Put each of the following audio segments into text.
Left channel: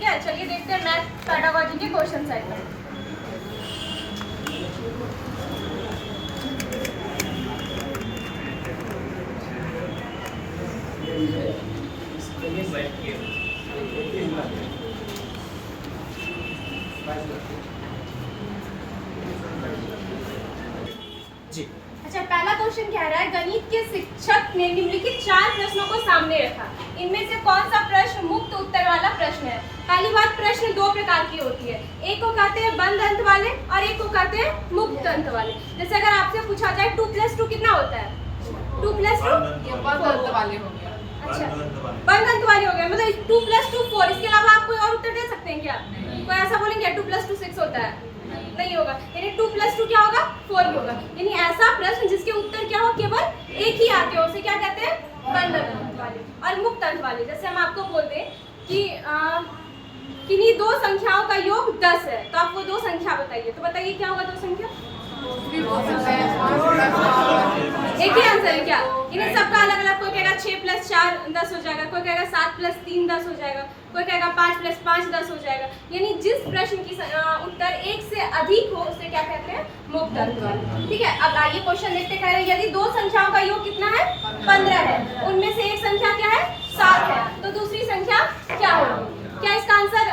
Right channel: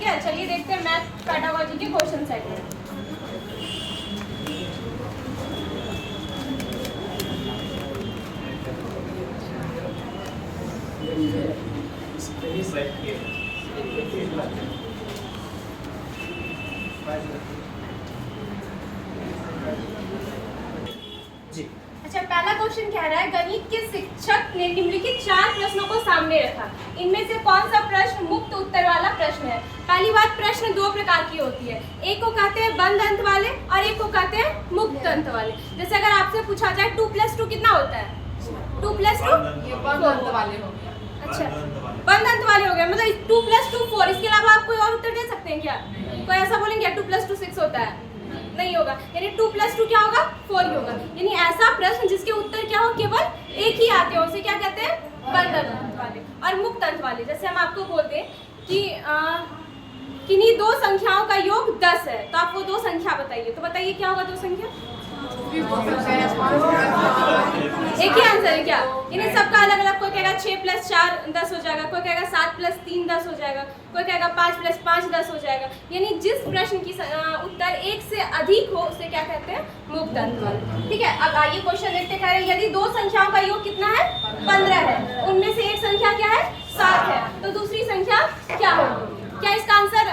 ठीक है, चलिए देखते हैं मैथ पेडागोजी के क्वेश्चन सेट में। जी। अच्छा, पहला क्वेश्चन कह रहा है गणित के शिक्षक ने निम्नलिखित 4 प्रश्नों को सामने रखा, इनमें से कौन सा प्रश्न मुक्त उत्तर वाला प्रश्न है। पहली बात, प्रश्न 2 प्रकार की होती है, एक को कहते हैं बंद अंत वाले और एक को कहते हैं मुक्त अंत वाले। जैसे अगर आपसे पूछा जाए 2 + 2 कितना होता है, 2 + 2 बंद अंत वाले हो गए। अच्छा, बंद अंत वाले हो गए, मतलब 2 + 2 4। इसके अलावा आप कोई और उत्तर दे सकते हैं क्या? कोई ऐसा बोलेंगे 2 + 2 6 होता है? नहीं होगा, यानी 2 + 2 क्या होगा, 4 होगा। यानी ऐसा प्रश्न जिसके उत्तर क्या हो, केवल एक ही आते हो, उसे क्या कहते हैं, बंद अंत वाले। और मुक्त अंत वाले, जैसे हम आपको बोलते हैं कि किन्हीं 2 संख्याओं का योग 10 है, तो आप वो 2 संख्या बताइए, तो बताइए क्या होगा 2 संख्या? एक ही आंसर है क्या? इन्हें सबका अलग अलग, कोई कहेगा 6 + 4 10 हो जाएगा, कोई कहेगा 7 + 3 10 हो जाएगा, कोई कहेगा 5 + 5 10 हो जाएगा। यानी जिस प्रश्न की उत्तर 1 से अधिक हो उसे क्या कहते हैं, मुक्त अंत वाला। ठीक है, अब आइए क्वेश्चन देखते हैं। यदि 2 संख्याओं का योग कितना है, 15 है, उनमें से एक संख्या क्या है, 7 है, तो दूसरी संख्या क्या होगी? क्या इसका आंसर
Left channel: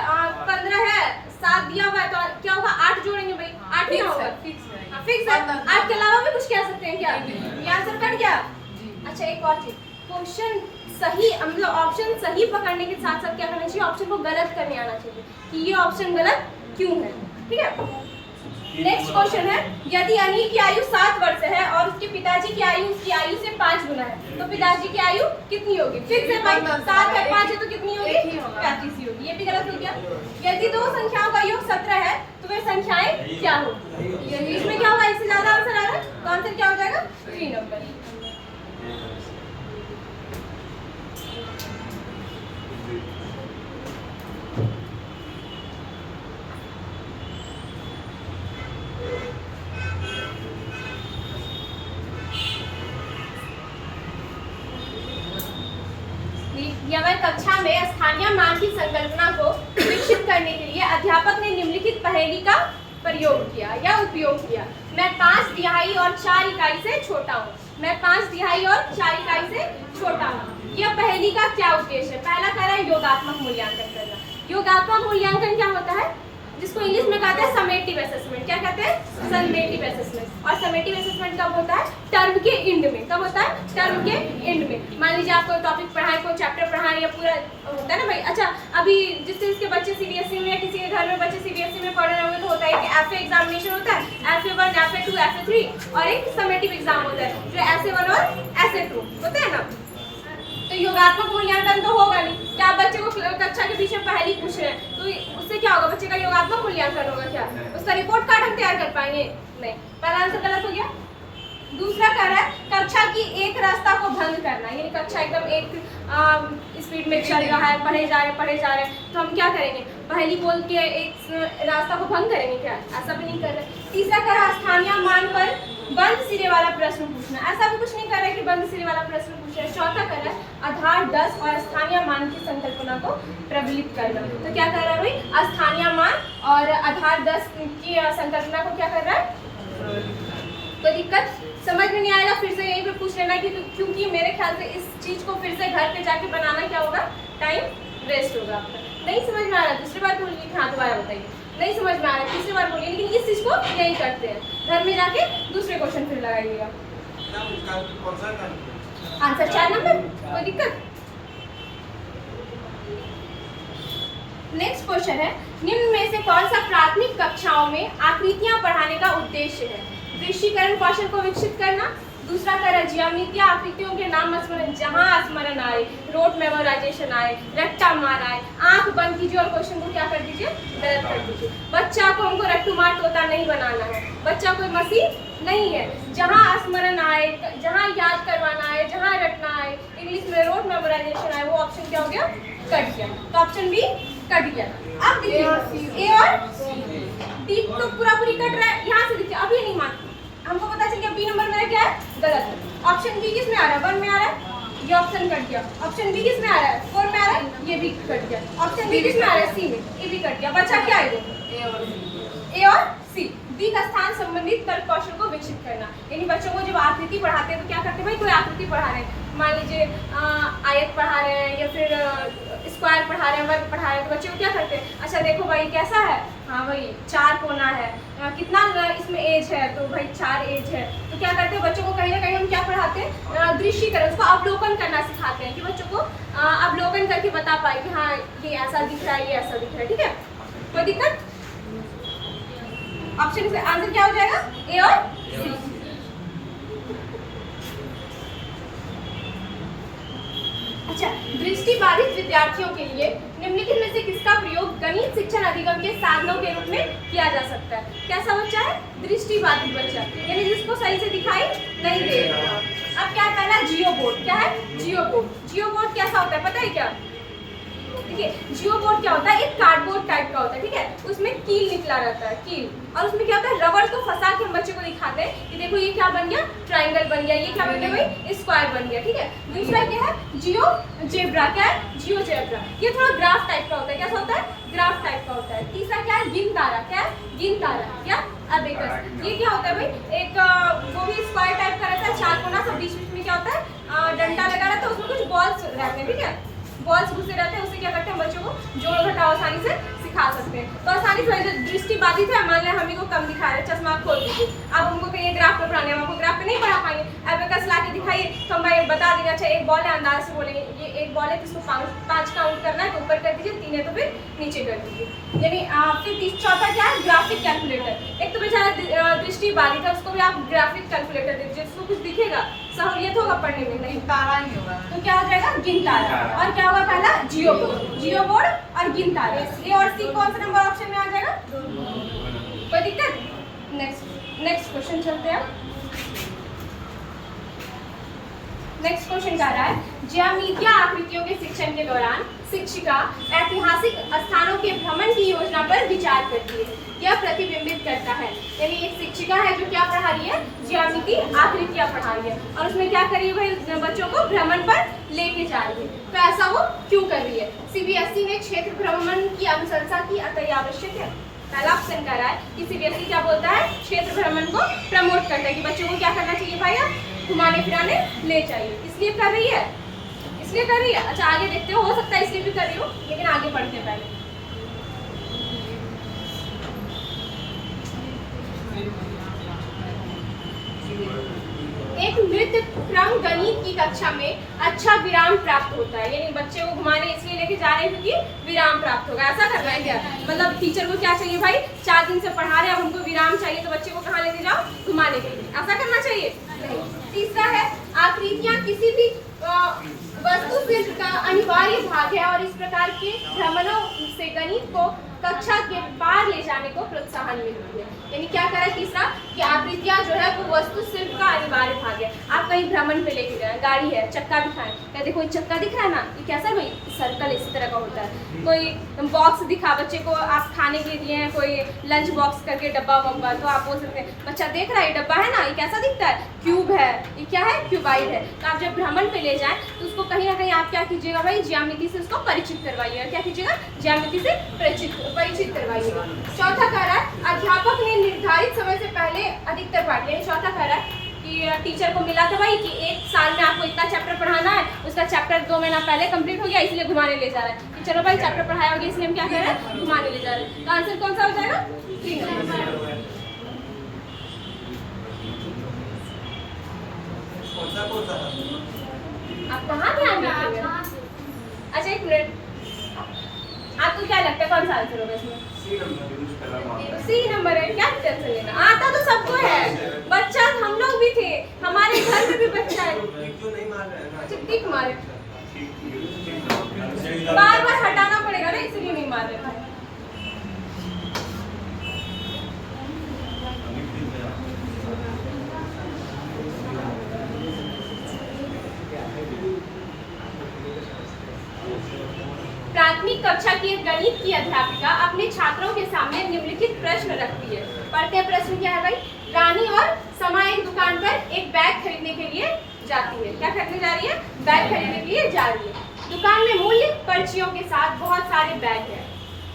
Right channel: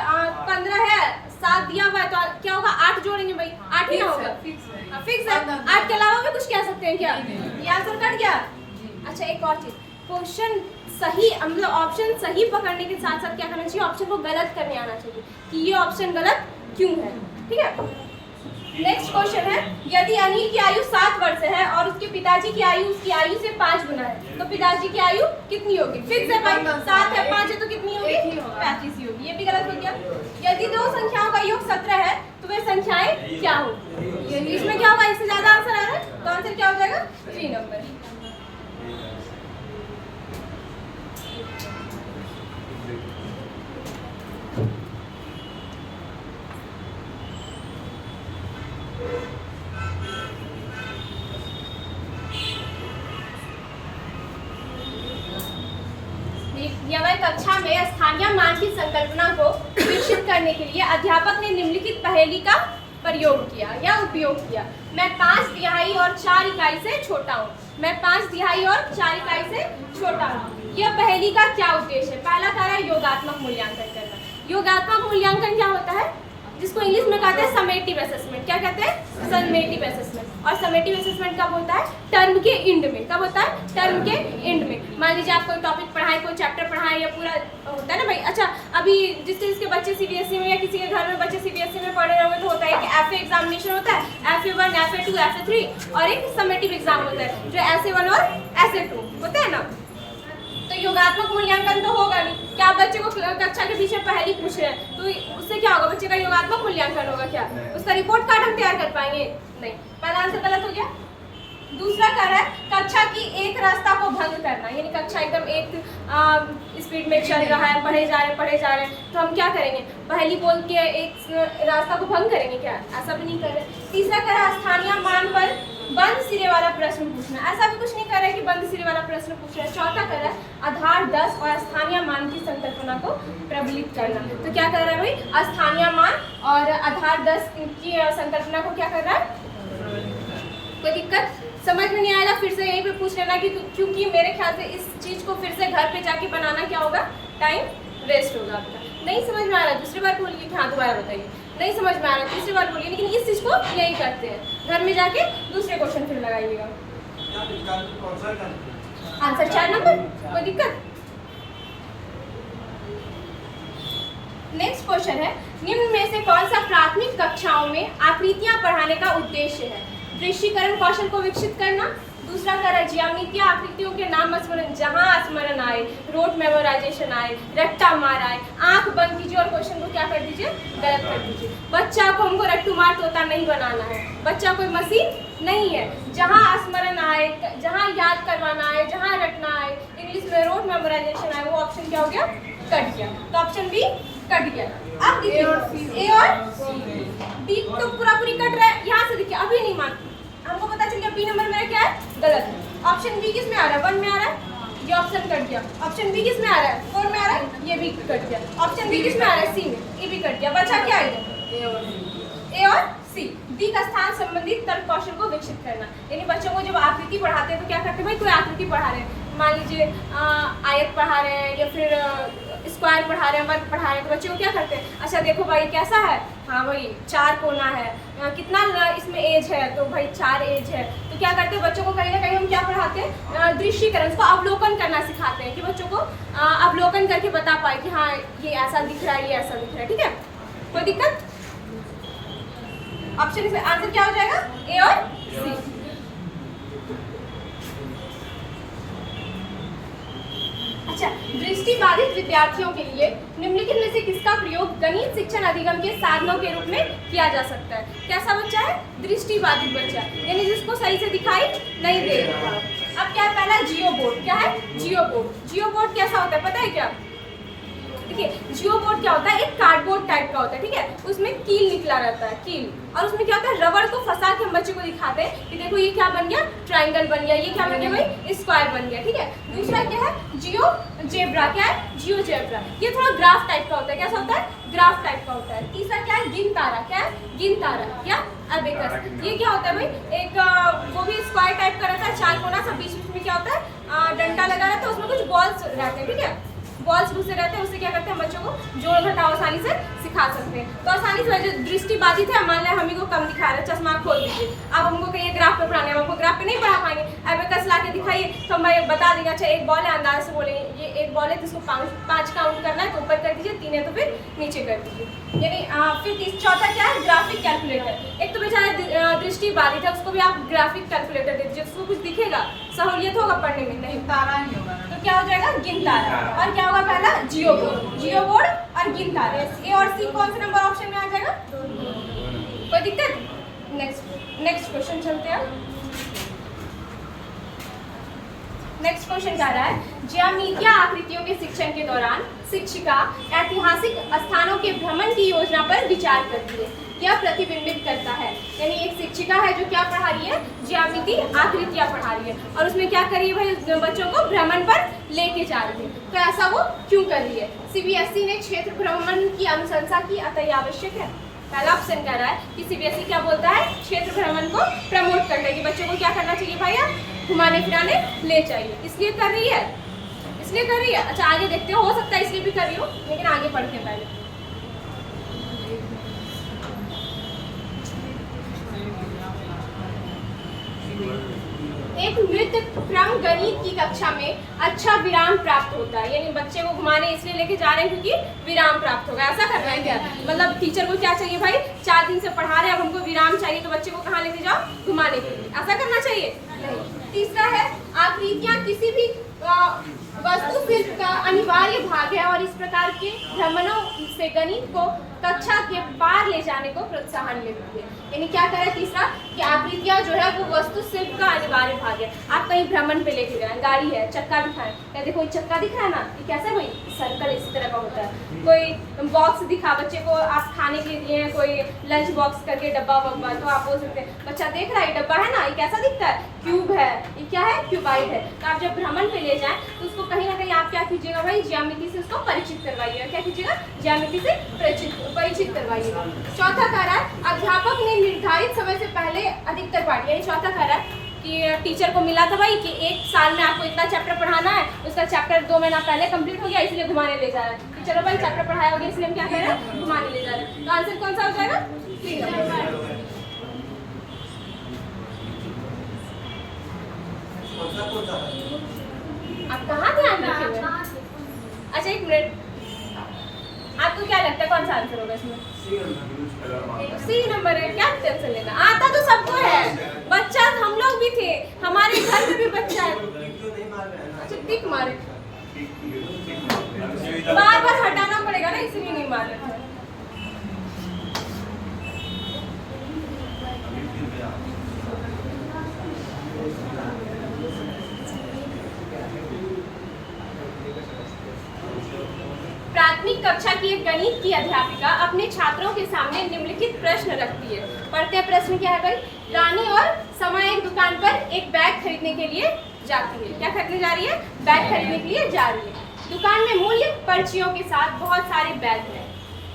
15 है, 7 दिया हुआ है, तो क्या होगा, 8 जोड़ेंगे भाई, 8 ही होगा, फिक्स है। 8 के अलावा भी कुछ कह सकते हैं क्या? ये आंसर कट गया। अच्छा, एक और चीज, क्वेश्चन सही, मतलब ऑप्शन सही पकड़ने के साथ साथ क्या करना चाहिए, ऑप्शन को गलत करने आना चाहिए कि ये ऑप्शन गलत क्यों है। ठीक है, नेक्स्ट क्वेश्चन है, यदि अनिल की आयु 7 वर्ष है और उसके पिताजी की आयु उसकी आयु से 5 गुना है, तो पिताजी की आयु कितनी होगी? फिक्स है भाई, 7 है, 5 है, तो कितनी होगी, 35 ही होगी। ये भी गलत हो गया। यदि 2 संख्याओं का योग 17 है, तो वे संख्याएं क्या होगी? इसमें क्या होगा, इससे ज्यादा आंसर आ रहा है, तो आंसर क्या हो जाएगा, 3 नंबर। कक्षा में स्थानीय मान की संकल्पना को विकसित करने के लिए अध्यापक ने निम्नलिखित पहेली का प्रयोग किया या उपयोग किया। मैं 5 तिहाई और 4 इकाई से छोटा हूँ, मैं 5 तिहाई और 4 इकाई से छोटा हूँ। यह पहेली का क्या उद्देश्य है? पहला कार्य है योगात्मक मूल्यांकन करना। योगात्मक मूल्यांकन क्या होता है, जिसको इंग्लिश में कहते हैं समेटिव असेसमेंट। क्या कहते हैं, समेटिव असेसमेंट। और समेटिव असेसमेंट कब होता है, टर्म के एंड में। कब होता है, टर्म के एंड में। मान लीजिए आप कोई टॉपिक पढ़ाएं, कोई चैप्टर पढ़ाएं, या पूरा होता है ना भाई। अच्छा, अभी जिसके बच्चे सीबीएसई में या किसी के घर में बच्चे सीबीएसई में पढ़ रहे होंगे, तो होता है कि एफए एग्जामिनेशन होता है, FA1 FA2 FA3, और एक समेटिव एग्जाम होता है जो SA1 और SA2 होता है ना। तो योगात्मक मूल्यांकन तो होगा नहीं। क्या आप बच्चे को कक्षा के पीछे पहेली पूछ रहे हैं, तो उससे क्या होगा, बच्चे का योगात्मक मूल्यांकन होगा क्या? उसका रिपोर्ट कार्ड हम तैयार कर पाएंगे? नहीं। पहला आंसर गलत हो गया। दूसरा कर है कक्षा की एक रास्ता को भंग करना, यानी कक्षा एकदम एक स्पीड में चल रहा है, पढ़े जा रहे हैं, तो हम क्या करेंगे, पहेली बोल के एक रास्ता को भंग करेंगे क्या? ऐसा भी नहीं कर रहे। तीसरा कर है स्थानीय मान पर बंद सिरे वाला प्रश्न पूछना। ऐसा भी कुछ नहीं कर रहा है कि बंद सिरे वाला प्रश्न पूछ रहा है। चौथा कर रहा है आधार 10 और स्थानीय मान की संकल्पना को प्रबलित करना। तो क्या कर रहा है भाई, स्थानीय मान और आधार 10 की संकल्पना को क्या कर रहा है। कोई दिक्कत समझ में नहीं आएगा, फिर से यहीं पे पूछ लेना कि क्योंकि मेरे ख्याल से इस चीज को फिर से घर पे जाके बनाना क्या होगा, टाइम वेस्ट होगा आपका। नहीं समझ में आ रहा, दूसरी बार बोलिए, हाँ दोबारा बताइए। नहीं समझ में आ रहा, तीसरी बार बोलिए। लेकिन इस चीज को यही करते हैं, घर में जाके दूसरे क्वेश्चन फिर लगाइएगा। आंसर 4 नंबर, कोई दिक्कत। नेक्स्ट क्वेश्चन है, निम्न में से कौन सा प्राथमिक कक्षाओं में आकृतियां पढ़ाने का उद्देश्य है? दृश्यीकरण कौशल को विकसित करना। दूसरा कर ज्यामितीय आकृतियों के नाम स्मरण, जहां स्मरण आए, रोट मेमोराइजेशन आए, रट्टा मार आए, आंख बंद कीजिए और क्वेश्चन को क्या कर दीजिए, गलत कर दीजिए। बच्चा को हमको रट्टू मार तोता नहीं बनाना है, बच्चा कोई मशीन नहीं है। जहां स्मरण आए, जहां याद करवाना है, जहां रटना आए, इंग्लिश में रोट मेमोराइजेशन आए, वो ऑप्शन क्या हो गया, कट गया। तो ऑप्शन बी कट गया। अब देखिए ए और डी तो पूरी कट रहा है। यहाँ से देखिए अभी नहीं मान, हमको पता चल गया बी नंबर मेरा क्या है, गलत है। ऑप्शन बी किस में आ रहा है, 1 में आ रहा है, ये ऑप्शन कट गया। ऑप्शन बी किस में आ रहा है? 4 में आ रहा है, ये भी कट गया। ऑप्शन बी किस में आ रहा है? सी में, ये भी कट गया। बचा क्या है? ए और बी। ए और सी। डी का स्थान संबंधित तर्क कौशल को विकसित करना, यानी बच्चों को जब आकृति पढ़ाते हैं तो क्या करते हैं भाई, कोई आकृति पढ़ा रहे हैं, मान लीजिए आयत पढ़ा रहे हैं या फिर स्क्वायर पढ़ा रहे हैं, वर्ग पढ़ा रहे हैं, तो बच्चे को क्या करते हैं, अच्छा देखो भाई कैसा है, हाँ भाई 4 कोना है, कितना इसमें एज है, तो भाई 4 एज है। तो क्या करते हैं बच्चों को कहीं ना कहीं हम क्या पढ़ाते हैं, दृष्टिकरण, उसको अवलोकन करना सिखाते हैं कि बच्चों को अवलोकन करके बता पाए कि हाँ ये ऐसा दिख रहा है, ये ऐसा दिख रहा है। ठीक है, कोई दिक्कत? ऑप्शन से आंसर क्या हो जाएगा? ए और सी। अच्छा, दृष्टिबाधित विद्यार्थियों के लिए निम्नलिखित में से किसका प्रयोग गणित शिक्षण अधिगम के साधनों के रूप में किया जा सकता है? कैसा बच्चा है? दृष्टिबाधित बच्चा, यानी जिसको सही से दिखाई नहीं दे रहा। अब क्या है? पहला जियो बोर्ड। क्या है? जियो बोर्ड। जियो बोर्ड कैसा होता है पता है क्या? देखिए, जियो बोर्ड क्या होता है, एक कार्डबोर्ड टाइप का होता है। ठीक है, उसमें कील निकला रहता है, कील, और उसमें क्या होता है, रबड़ को फंसा के हम बच्चे को दिखाते हैं कि देखो ये क्या बन गया, ट्रायंगल बन गया, ये क्या बन गया भाई, स्क्वायर बन गया। ठीक है, दूसरा क्या है, जियो जेब्रा। क्या है? जियो जेब्रा, ये थोड़ा ग्राफ टाइप का होता है। कैसा होता है? ग्राफ टाइप का होता है। तीसरा क्या है? गिन तारा। क्या है? गिन तारा। क्या? अबेकस। ये क्या होता है भाई, एक वो भी स्क्वायर टाइप का रहता है, 4 कोना, सब बीच बीच में क्या होता है, डंडा लगा रहता है, उसमें कुछ बॉल्स रहते हैं। ठीक है, बॉल्स घुसे रहते हैं, उससे क्या करते हैं बच्चों को जोड़ घटाव आसानी से सिखा सकते हैं। तो आसानी से जो दृष्टिबाधित है, मान लें हम ही को कम दिखा रहे हैं, चश्मा खोल दीजिए, अब हमको कहीं ग्राफ पे पढ़ाने, हम आपको ग्राफ पे नहीं पढ़ा पाएंगे, एबेकस ला के दिखाइए तो हम भाई बता देंगे, अच्छा एक बॉल है, अंदाज से बोलेंगे ये एक बॉल है, तो इसको 5 काउंट करना है तो ऊपर कर दीजिए, 3 है तो फिर नीचे कर दीजिए। यानी फिर चौथा क्या है? Graphic calculator. एक तो बेचारा दृष्टिबाधित है, उसको भी आप ग्राफिक कैलकुलेटर दे दीजिए, उसको कुछ दिखेगा, सहूलियत होगा पढ़ने में? नहीं, तारा ही होगा। तो क्या हो जाएगा? गिन तारा। और क्या होगा? पहला जियो बोर्ड। जियो बोर्ड और गिन तारा। ए और सी कौन सा नंबर ऑप्शन में आ जाएगा? कोई दिक्कत? नेक्स्ट क्वेश्चन चलते हैं। नेक्स्ट क्वेश्चन जा रहा है, ज्यामितीय आकृतियों के शिक्षण के दौरान शिक्षिका ऐतिहासिक स्थानों के भ्रमण की योजना पर विचार करती है। यह प्रतिबिंबित करता है, यानी एक शिक्षिका है जो क्या पढ़ा रही है, ज्यामितीय आकृतियां पढ़ा रही है, और उसमें क्या कर रही है भाई, बच्चों को भ्रमण पर लेके जा रही है। तो ऐसा वो क्यों कर रही है? सीबीएसई ने क्षेत्र भ्रमण की अनुशंसा की, अतः यह आवश्यक है। पहला ऑप्शन कह रहा है कि सीबीएसई क्या बोलता है, क्षेत्र भ्रमण को प्रमोट करता है, कि बच्चों को क्या करना चाहिए भाई, घुमाने फिराने ले चाहिए, इसलिए कर रही है, इसलिए कर रही है। अच्छा आगे देखते हो सकता है इसलिए भी कर रही हो, लेकिन आगे पढ़ते हैं पहले। एक नृत्य क्रम गणित की कक्षा में अच्छा विराम प्राप्त होता है, यानी बच्चे को घुमाने इसलिए लेके जा रहे हैं क्योंकि विराम प्राप्त होगा। ऐसा कर रहे हैं क्या? मतलब टीचर को क्या चाहिए भाई, 4 दिन से पढ़ा रहे हैं, अब हमको विराम चाहिए, तो बच्चे को कहाँ लेके जाओ, घुमाने के लिए। ऐसा करना चाहिए? तीसरा है, आकृतियां किसी भी वस्तु शिल्प का अनिवार्य भाग है और इस प्रकार के भ्रमणों से गणित को कक्षा के पार ले जाने को प्रोत्साहन मिलती है। यानी क्या करें? तीसरा कि आकृतियां जो है वो वस्तु शिल्प का अनिवार्य भाग है। आप कहीं भ्रमण पे लेके गए, गाड़ी है, चक्का दिखाएं, कहते कोई चक्का दिखा है ना, ये कैसा कोई सर्कल इसी तरह का होता है। कोई बॉक्स दिखा बच्चे को, आप खाने के लिए दिए हैं, कोई लंच बॉक्स करके डब्बा वब्बा, तो आप बोल सकते हैं बच्चा देख रहा है डब्बा है ना, ये कैसा दिखता है, क्यूब है, ये क्या है, क्यूबाइड है। तो आप जब भ्रमण पे ले जाएं तो उसको कहीं ना कहीं आप क्या कीजिएगा भाई, ज्यामिति से उसको परिचित करवाइएगा। क्या कीजिएगा? ज्यामिति से परिचित करवाइएगा। चौथा कह रहा है, अध्यापक ने निर्धारित समय से पहले अधिकतर पाठ, यानी चौथा कह रहा है कि टीचर को मिला था भाई कि 1 साल में आपको इतना चैप्टर पढ़ाना है, उसका चैप्टर 2 महीना पहले कंप्लीट हो गया, इसलिए घुमाने ले जा रहा है। तो चलो भाई चैप्टर पढ़ाया हो गया, इसलिए हम क्या कर रहे हैं, घुमाने ले जा रहे हैं। तो आंसर कौन सा हो जाएगा? 3 नंबर। आप कहाँ ध्यान रखेंगे? अच्छा एक मिनट, आपको क्या लगता है कौन सा आंसर होगा इसमें? सी नंबर है। क्या टेंशन लेना, आता तो सबको है, बच्चा हम लोग भी थे, हमारे घर में भी बच्चा है। अच्छा टिक मारे, बार बार हटाना पड़ेगा ना, इसीलिए नहीं मार रहे थे। प्राथमिक कक्षा की एक गणित की अध्यापिका अपने छात्रों के सामने निम्नलिखित प्रश्न रखती है। पढ़ते हैं प्रश्न क्या है भाई। रानी और समा एक दुकान पर एक बैग खरीदने के लिए जाती है। क्या खरीदने जा रही है? बैग खरीदने के लिए जा रही है। दुकान में मूल्य पर्चियों के साथ बहुत सारे बैग हैं।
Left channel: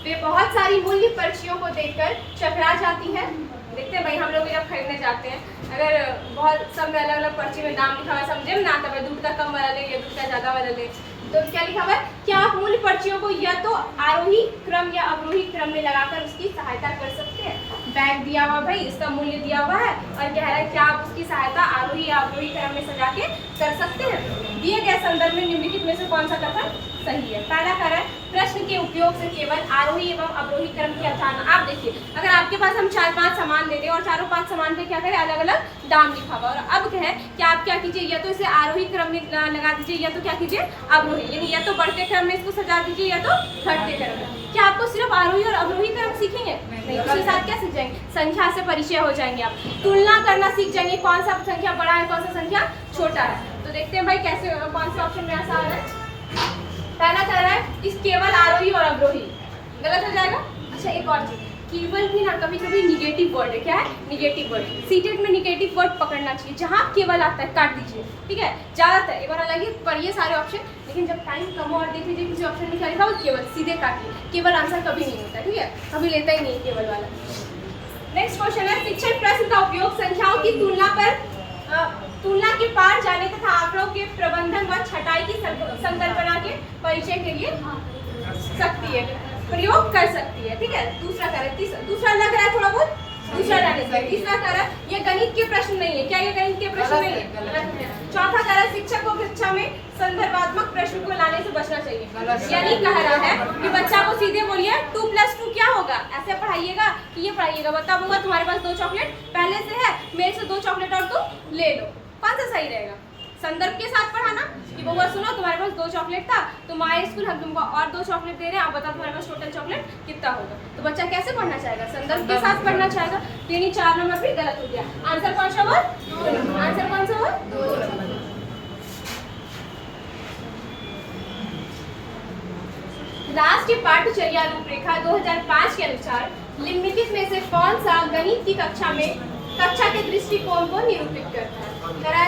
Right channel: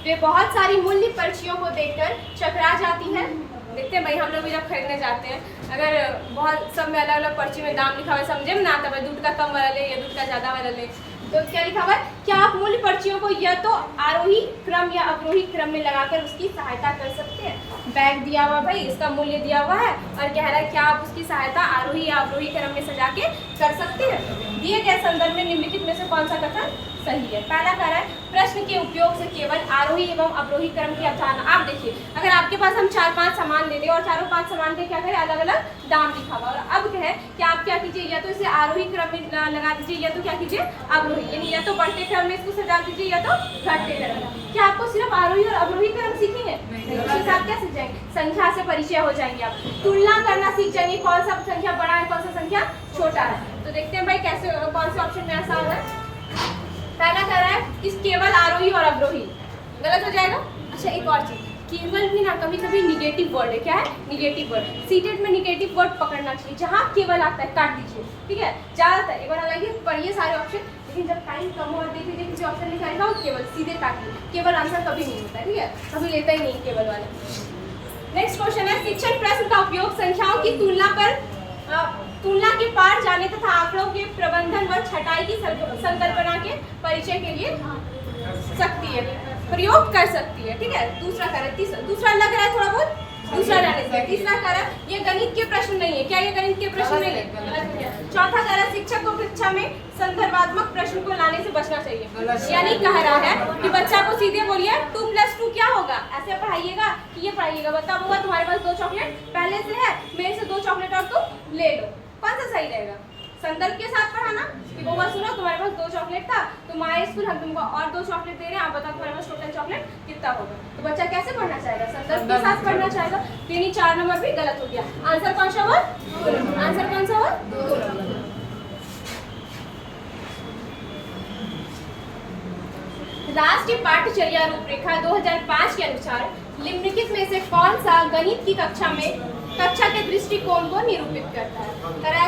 वे बहुत सारी मूल्य पर्चियों को देखकर चकरा जाती है। देखते हैं भाई, हम लोग भी जब खरीदने जाते हैं, अगर बहुत सब में अलग अलग पर्ची में दाम लिखा हुआ समझे में ना आता है, दूध का कम वाला ले या दूध का ज़्यादा वाला ले, तो क्या लिखा हुआ है? क्या आप मूल्य पर्चियों को या तो आरोही क्रम या अवरोही क्रम में लगाकर उसकी सहायता कर सकते हैं? बैग दिया हुआ भाई, इसका मूल्य दिया हुआ है और कह रहा है क्या आप उसकी सहायता आरोही या अवरोही क्रम में सजा के कर सकते हैं? दिए गए संदर्भ में निम्नलिखित में से कौन सा कथन सही है? पहला कह रहा है प्रश्न के उपयोग से केवल आरोही एवं अवरोही क्रम की अवधारणा। आप देखिए, अगर आपके पास हम 4-5 सामान दे दें और चारों 5 सामान पे क्या करें, अलग अलग दाम लिखा हुआ, और अब क्या है कि आप क्या कीजिए, या तो इसे आरोही क्रम में लगा दीजिए या तो क्या कीजिए अवरोही, यानी या तो बढ़ते क्रम में इसको सजा दीजिए या तो घटते क्रम में। क्या आपको सिर्फ आरोही और अवरोही क्रम सीखेंगे? उसके साथ क्या सीख जाएंगे? संख्या से परिचय हो जाएंगे, आप तुलना करना सीख जाएंगे, कौन सा संख्या बड़ा है कौन सा संख्या छोटा है। तो देखते हैं भाई कैसे, कौन से ऑप्शन में ऐसा आ रहा है। पहला कह रहा है कि केवल आरोही और अवरोही, गलत हो जाएगा। अच्छा, एक और चीज, केवल भी ना कभी कभी निगेटिव वर्ड है। क्या है? Negative word. सीटेड में निगेटिव वर्ड पकड़ना चाहिए, जहाँ केवल आता है काट दीजिए, ठीक है। ज्यादातर एक बार लगे पढ़िए सारे ऑप्शन, लेकिन जब टाइम कम हो और देख लीजिए किसी ऑप्शन में क्या लिखा हो केवल, सीधे काटिए। केवल आंसर कभी नहीं होता, ठीक है, कभी लेता ही नहीं केवल वाला। नेक्स्ट क्वेश्चन है, शिक्षण प्रश्न का उपयोग संख्याओं की तुलना के पार जाने तथा आंकड़ों के प्रबंधन व छटाई की संकल्पना के परिचय के लिए सकती है, प्रयोग कर सकती है, ठीक है। दूसरा कह रहा है, दूसरा लग रहा है थोड़ा बहुत, दूसरा रहने से। तीसरा कह रहा है ये गणित के प्रश्न नहीं है। क्या ये गणित के प्रश्न नहीं है? चौथा कह रहा है शिक्षक को कक्षा में संदर्भात्मक प्रश्न को लाने से बचना चाहिए, यानी कह रहा है कि बच्चा को सीधे बोलिए 2+2 क्या होगा, ऐसे पढ़ाइएगा कि ये पढ़ाइएगा, बताओ होगा तुम्हारे पास 2 चॉकलेट पहले से है, मेरे से 2 चॉकलेट और तुम ले लो, कौन सा सही रहेगा? संदर्भ के साथ पढ़ाना कि बउआ सुनो तुम्हारे पास 2 चॉकलेट था, तुम आए स्कूल, हम तुमको और 2 चॉकलेट दे रहे हैं, आप बताओ तुम्हारे पास टोटल चॉकलेट कितना होगा। तो बच्चा कैसे पढ़ना चाहेगा? संदर्भ के साथ पढ़ना चाहेगा। तो यानी 4 नंबर भी गलत हो गया। आंसर कौन सा हुआ? आंसर कौन सा हुआ? 2 नंबर। राष्ट्रीय पाठ्यचर्या रूपरेखा 2005 के अनुसार निम्नलिखित में से कौन सा गणित की कक्षा के दृष्टिकोण को निरूपित करता है?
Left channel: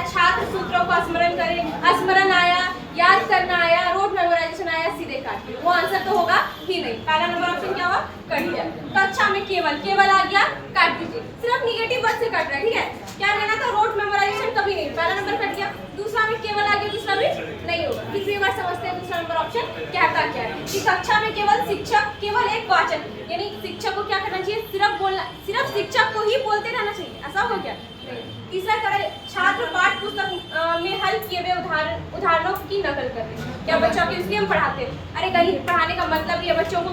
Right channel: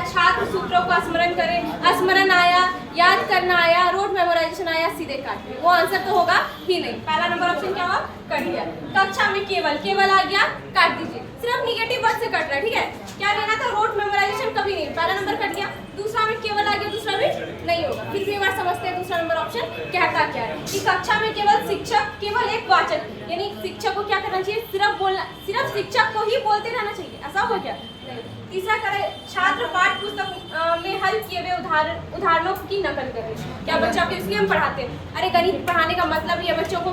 छात्र सूत्रों को स्मरण करें, स्मरण आया, याद करना आया, रोड मेमोराइजेशन आया, सीधे काटिए, वो आंसर तो होगा ही नहीं। पहला नंबर ऑप्शन क्या हुआ? कट गया। कक्षा में केवल आ गया, काट दीजिए, सिर्फ निगेटिव वर्ड से कट रहा है, ठीक है। क्या लेना था? रोड मेमोराइजेशन कभी नहीं, पहला नंबर कट गया। दूसरा में केवल आ गया, दूसरा भी नहीं होगा। फिर भी बार समझते हैं दूसरा नंबर ऑप्शन कहता क्या है कि कक्षा में केवल शिक्षक, केवल एक वाचन, यानी शिक्षक को क्या करना चाहिए? सिर्फ बोलना, सिर्फ शिक्षक को ही बोलते रहना चाहिए, ऐसा हो गया? तीसरा करें छात्र पाठ्य पुस्तक में हल किए हुए उदाहरणों की नकल करें। क्या बच्चों के इसलिए हम पढ़ाते हैं? अरे गणित पढ़ाने का मतलब ही है बच्चों को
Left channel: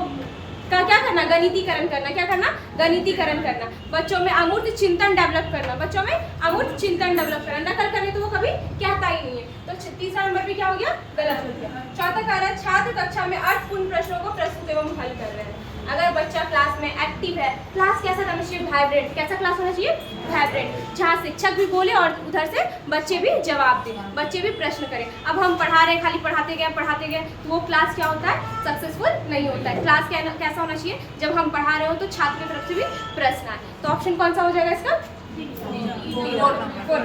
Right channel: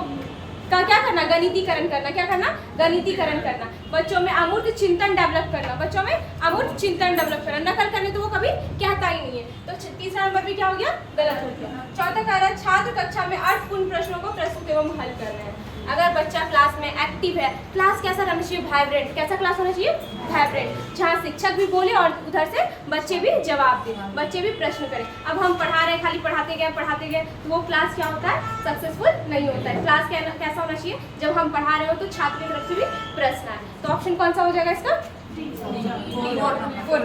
क्या करना? गणितीकरण करना। क्या करना? गणितीकरण करना। बच्चों में अमूर्त चिंतन डेवलप करना, बच्चों में अमूर्त चिंतन डेवलप करना। नकल करने तो वो कभी कहता ही नहीं है। तो तीसरा नंबर भी क्या हो गया? गलत हो गया। चौथा कह रहा है छात्र कक्षा में अर्थपूर्ण प्रश्नों को प्रस्तुत एवं हल कर रहे हैं। अगर बच्चा क्लास में एक्टिव है, क्लास कैसा रहना चाहिए? वाइब्रेंट। कैसा क्लास होना चाहिए? वाइब्रेंट, जहाँ शिक्षक भी बोले और उधर से बच्चे भी जवाब दें, बच्चे भी प्रश्न करें। अब हम पढ़ा रहे हैं, खाली पढ़ाते गए तो वो क्लास क्या होता है? सक्सेसफुल नहीं होता है। क्लास कैसा होना चाहिए? जब हम पढ़ा रहे हो तो छात्र की तरफ से भी प्रश्न आए। तो ऑप्शन कौन सा हो जाएगा इसका? 4।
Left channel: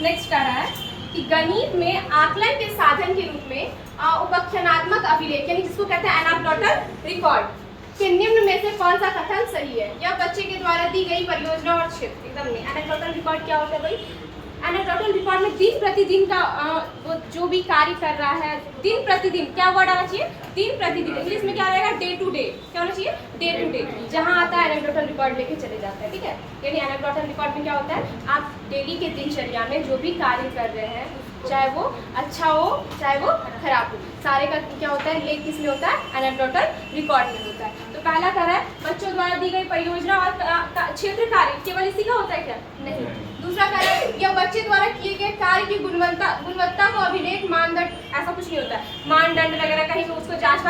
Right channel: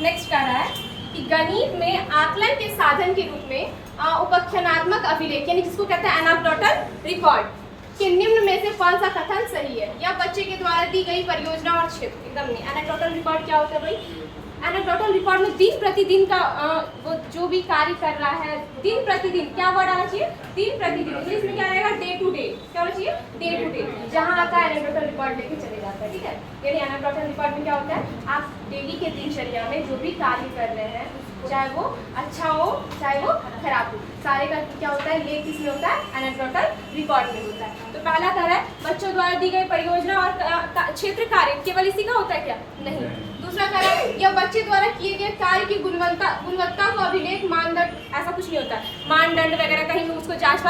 नेक्स्ट कह रहा है कि गणित में आकलन के साधन के रूप में उपाख्यानात्मक अभिलेख, यानी जिसको कहते हैं एनाक्डोटल रिकॉर्ड, के निम्न में से कौन सा कथन सही है? या बच्चे के द्वारा दी गई परियोजना और क्षेत्र? एकदम नहीं। एनाक्डोटल रिकॉर्ड क्या होता है भाई? एनाक्डोटल रिकॉर्ड में दिन प्रतिदिन का वो जो भी कार्य कर रहा है, दिन प्रतिदिन, क्या वर्ड आना चाहिए? दिन प्रतिदिन। इंग्लिश में क्या रहेगा? Day to day. क्या होना चाहिए? Day to day. जहाँ आता है एनाक्डोटल रिकॉर्ड लेके चले जाते हैं, ठीक है। यानी एनाक्डोटल रिकॉर्ड में क्या होता है? आप डेली के दिनचर्या में जो भी कार्य कर रहे हैं, चाहे वो अच्छा हो चाहे वो खराब हो, सारे का क्या होता है? लेख किसमें होता है? एनाक्डोटल रिकॉर्ड में होता है। तो पहला कह रहा है बच्चों द्वारा दी गई परियोजना और क्षेत्र कार्य केवल इसी का होता है क्या? नहीं। दूसरा कह रहा है यह बच्चे द्वारा किए गए कार्य की गुणवत्ता को अभिलेख मानदंड, ऐसा कुछ नहीं होता है। मानदंड वगैरह कहीं भी उसको जांच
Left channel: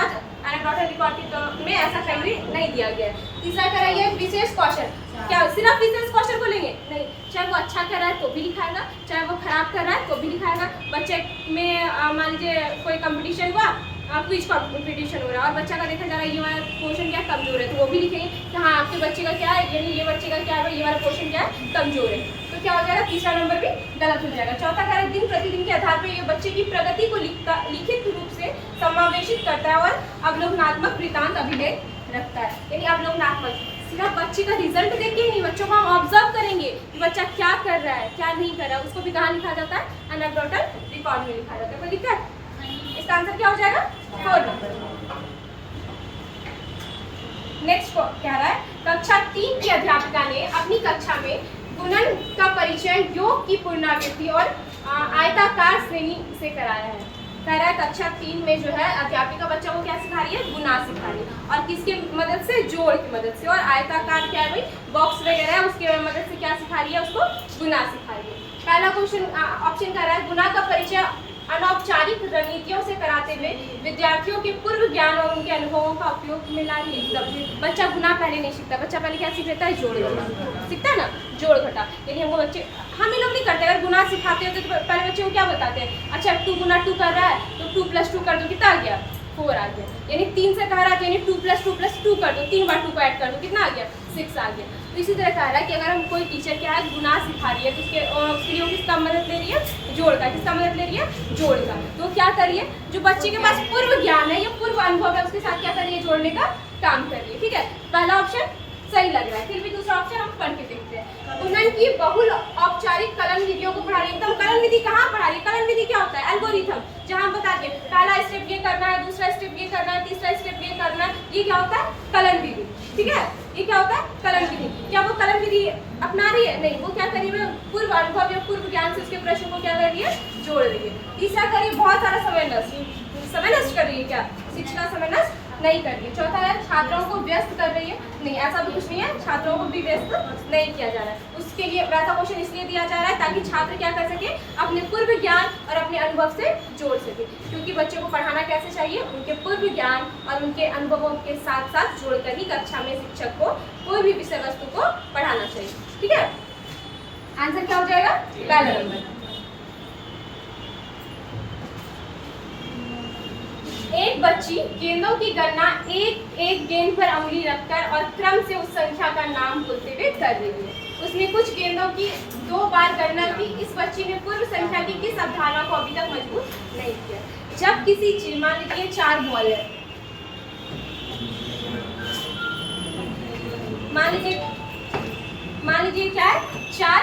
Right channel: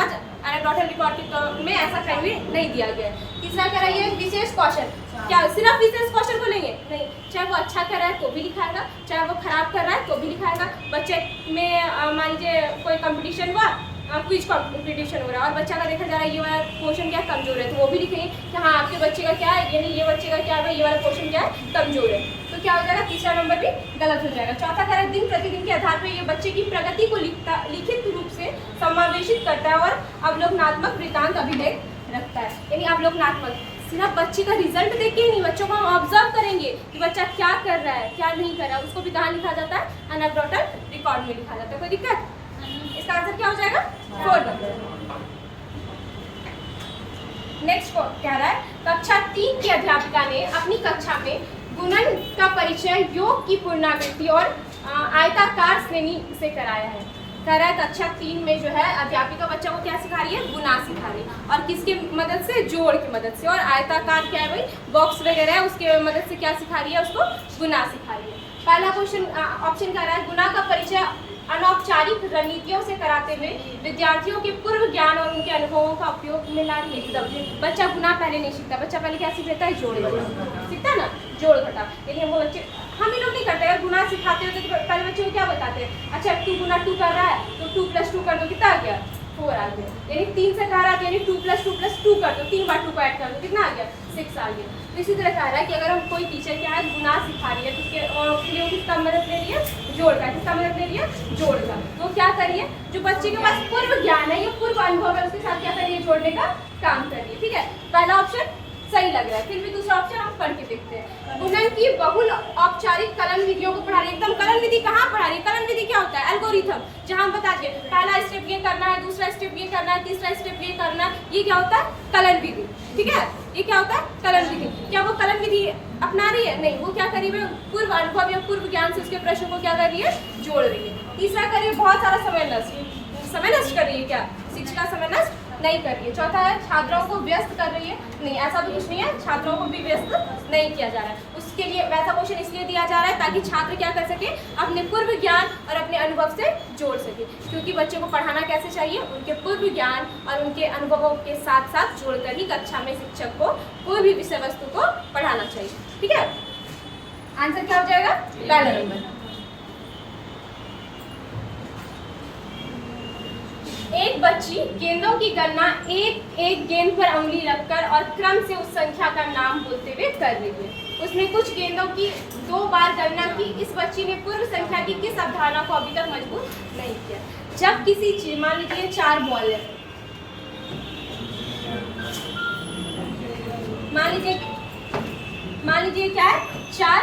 एनाक्डोटल रिकॉर्ड के में ऐसा कहीं भी नहीं दिया गया है। तीसरा कह रहा है यह विशेष कौशल, क्या सिर्फ विशेष कौशल को लेंगे? नहीं, चाहे वो अच्छा कर रहा है तो भी लिखाएगा, चाहे वो खराब कर रहा है तो भी लिखाएगा। बच्चे में मान लीजिए कोई कंपटीशन हुआ, क्विज कॉम्पिटिशन हो रहा है और बच्चा का देखा जा रहा है ये वाला पोर्शन क्या कमजोर है, तो वो भी लिखेंगे कि हाँ आपके बच्चे का क्या है, यानी ये बच्चे का क्या है, ये वाला पोर्शन क्या है कमजोर है। तो क्या हो जाएगा, तीसरा नंबर भी गलत हो जाएगा। चौथा कह रहा है दिन प्रतिदिन के आधार पर ये बच्चे की प्रगति को लिखित रूप से समावेशित करता है और अवलोकनात्मक वृत्तांत अभिलेख रखता है। यानी अवलोकनात्मक सिर्फ बच्चे का रिजल्ट देख के नहीं, बच्चों को हम ऑब्जर्व करेंगे कि बच्चा क्या कर रहा है क्या नहीं कर रहा है, उसको भी कहाँ लिखा जाता है, एनेक्डोटल रिकॉर्ड में लिखा जाता है। कोई दिक्कत? इसका आंसर क्या हो जाएगा, 4 नंबर। नेक्स्ट कह रहा है कक्षा 3 की अध्यापिका ने अपनी कक्षा में गुणन का परिचय, योग की पुनरावृत्ति और आयताकार श्रेणी से कराया है। कह रहा है कक्षा 3 में जो है अध्यापिका बच्चा को क्या सिखा रही है, गुना सिखा रही है। और किसके मदद से, जोड़ की मदद से। और आयताकार क्या है भाई, बॉक्स वगैरह है, उसके मदद से क्या सिखा रही है, उसको गुना सिखा रही है। पहला क्वेश्चन ऑप्शन कह रहा है गुना का परिचय अनौपचारिक रणनीतियों से कराते हुए विद्यार्थियों के पूर्व ज्ञान और उनके अनुभवों का उपयोग में ला रही है। बच्चा गुना पहले नहीं सीखता, बच्चा पहले क्या सीख लेता है, जोड़ घटा सीखता है ना, जोड़ घटा। लेकिन वो बच्चे, हम ही लोग नहीं करते। अगर गुना सिखाते हैं तो पहले बच्चे को क्या बताते हैं, अच्छा 2 गुना 2 कर रहा है तो 2 + 2 कर दो, कितना आ गया, 4 आ गया। यानी 3 से कह रहा है यानी 2 + 2 + 2 कर दो, 3 बार 2 को ऐड कर दो, कितना आ गया, 6 आ गया। तो इसी तरह कह रहा है कि अगर हम कोई टीचर क्या है गुना सिखा रही है तो उसके लिए किसका मदद ले रही है, जोड़ का। किसका मदद ले रही है, जोड़ का। तो क्या करिए, जो बच्चे के पास पूर्व ज्ञान है या पूर्व अनुभव है उसके साथ क्या करिए, जोड़ने का काम करिए। ठीक है, पहला ऑप्शन सही लग रहा है। फिर भी दूसरा ऑप्शन हम पढ़ के देखते हैं। गुणन की बहुल औपचारिक कलन विधियों को पढ़ा रही है। एकदम कलन विधि कहाँ पढ़ा रही है, कलन विधि क्या होता है, एल्गोरिथम, जहाँ हम बता दें पहला स्टेप ये करना है, दूसरा स्टेप ये करना है, तीसरा स्टेप ये करना है, ये क्या होता है, कलन विधि। ठीक है, ये क्या होता है, कलन विधि। क्या वो कलन विधि अपना रही है, नहीं, वो क्या करी है, पूर्व अनुभव या पूर्व ज्ञान से उसके प्रश्न को क्या कर रही है, जोड़ रही है। तीसरा करिए बहुत सारा समय नष्ट कर रही है, क्या शिक्षिका समय नष्ट नहीं कर रही है। चौथा है छात्रों को व्यस्त कर रही है, नहीं, ऐसा भी कुछ नहीं है, छात्रों को भी व्यस्त नहीं किया जा रहा है। उसके लिए वैसा क्वेश्चन इसलिए दिया जा रहा है ताकि छात्र क्या कर सके, अपने पूर्व ज्ञान और अपने अनुभव से जोड़ सके। क्योंकि बच्चे को पढ़ाना कैसे चाहिए, उनके पूर्व ज्ञान और उनके अनुभवों के साथ साथ जोड़कर ही कक्षा में शिक्षक को कोई भी विषय वस्तु को पढ़ाना चाहिए। ठीक है, आंसर क्या हो जाएगा, पहला नंबर। एक बच्ची गेंदों की गणना एक एक गेंद पर अंगुली रखकर और क्रम से उस संख्या का नाम बोलते हुए कर रही है। उसने कुछ गेंदों की 2 बार गणना की। इस बच्ची ने पूर्व संख्या की किस अवधारणा को अभी तक मजबूत नहीं किया। जब किसी चीज, मान लीजिए 4 बॉल है, मान लीजिए क्या है, 4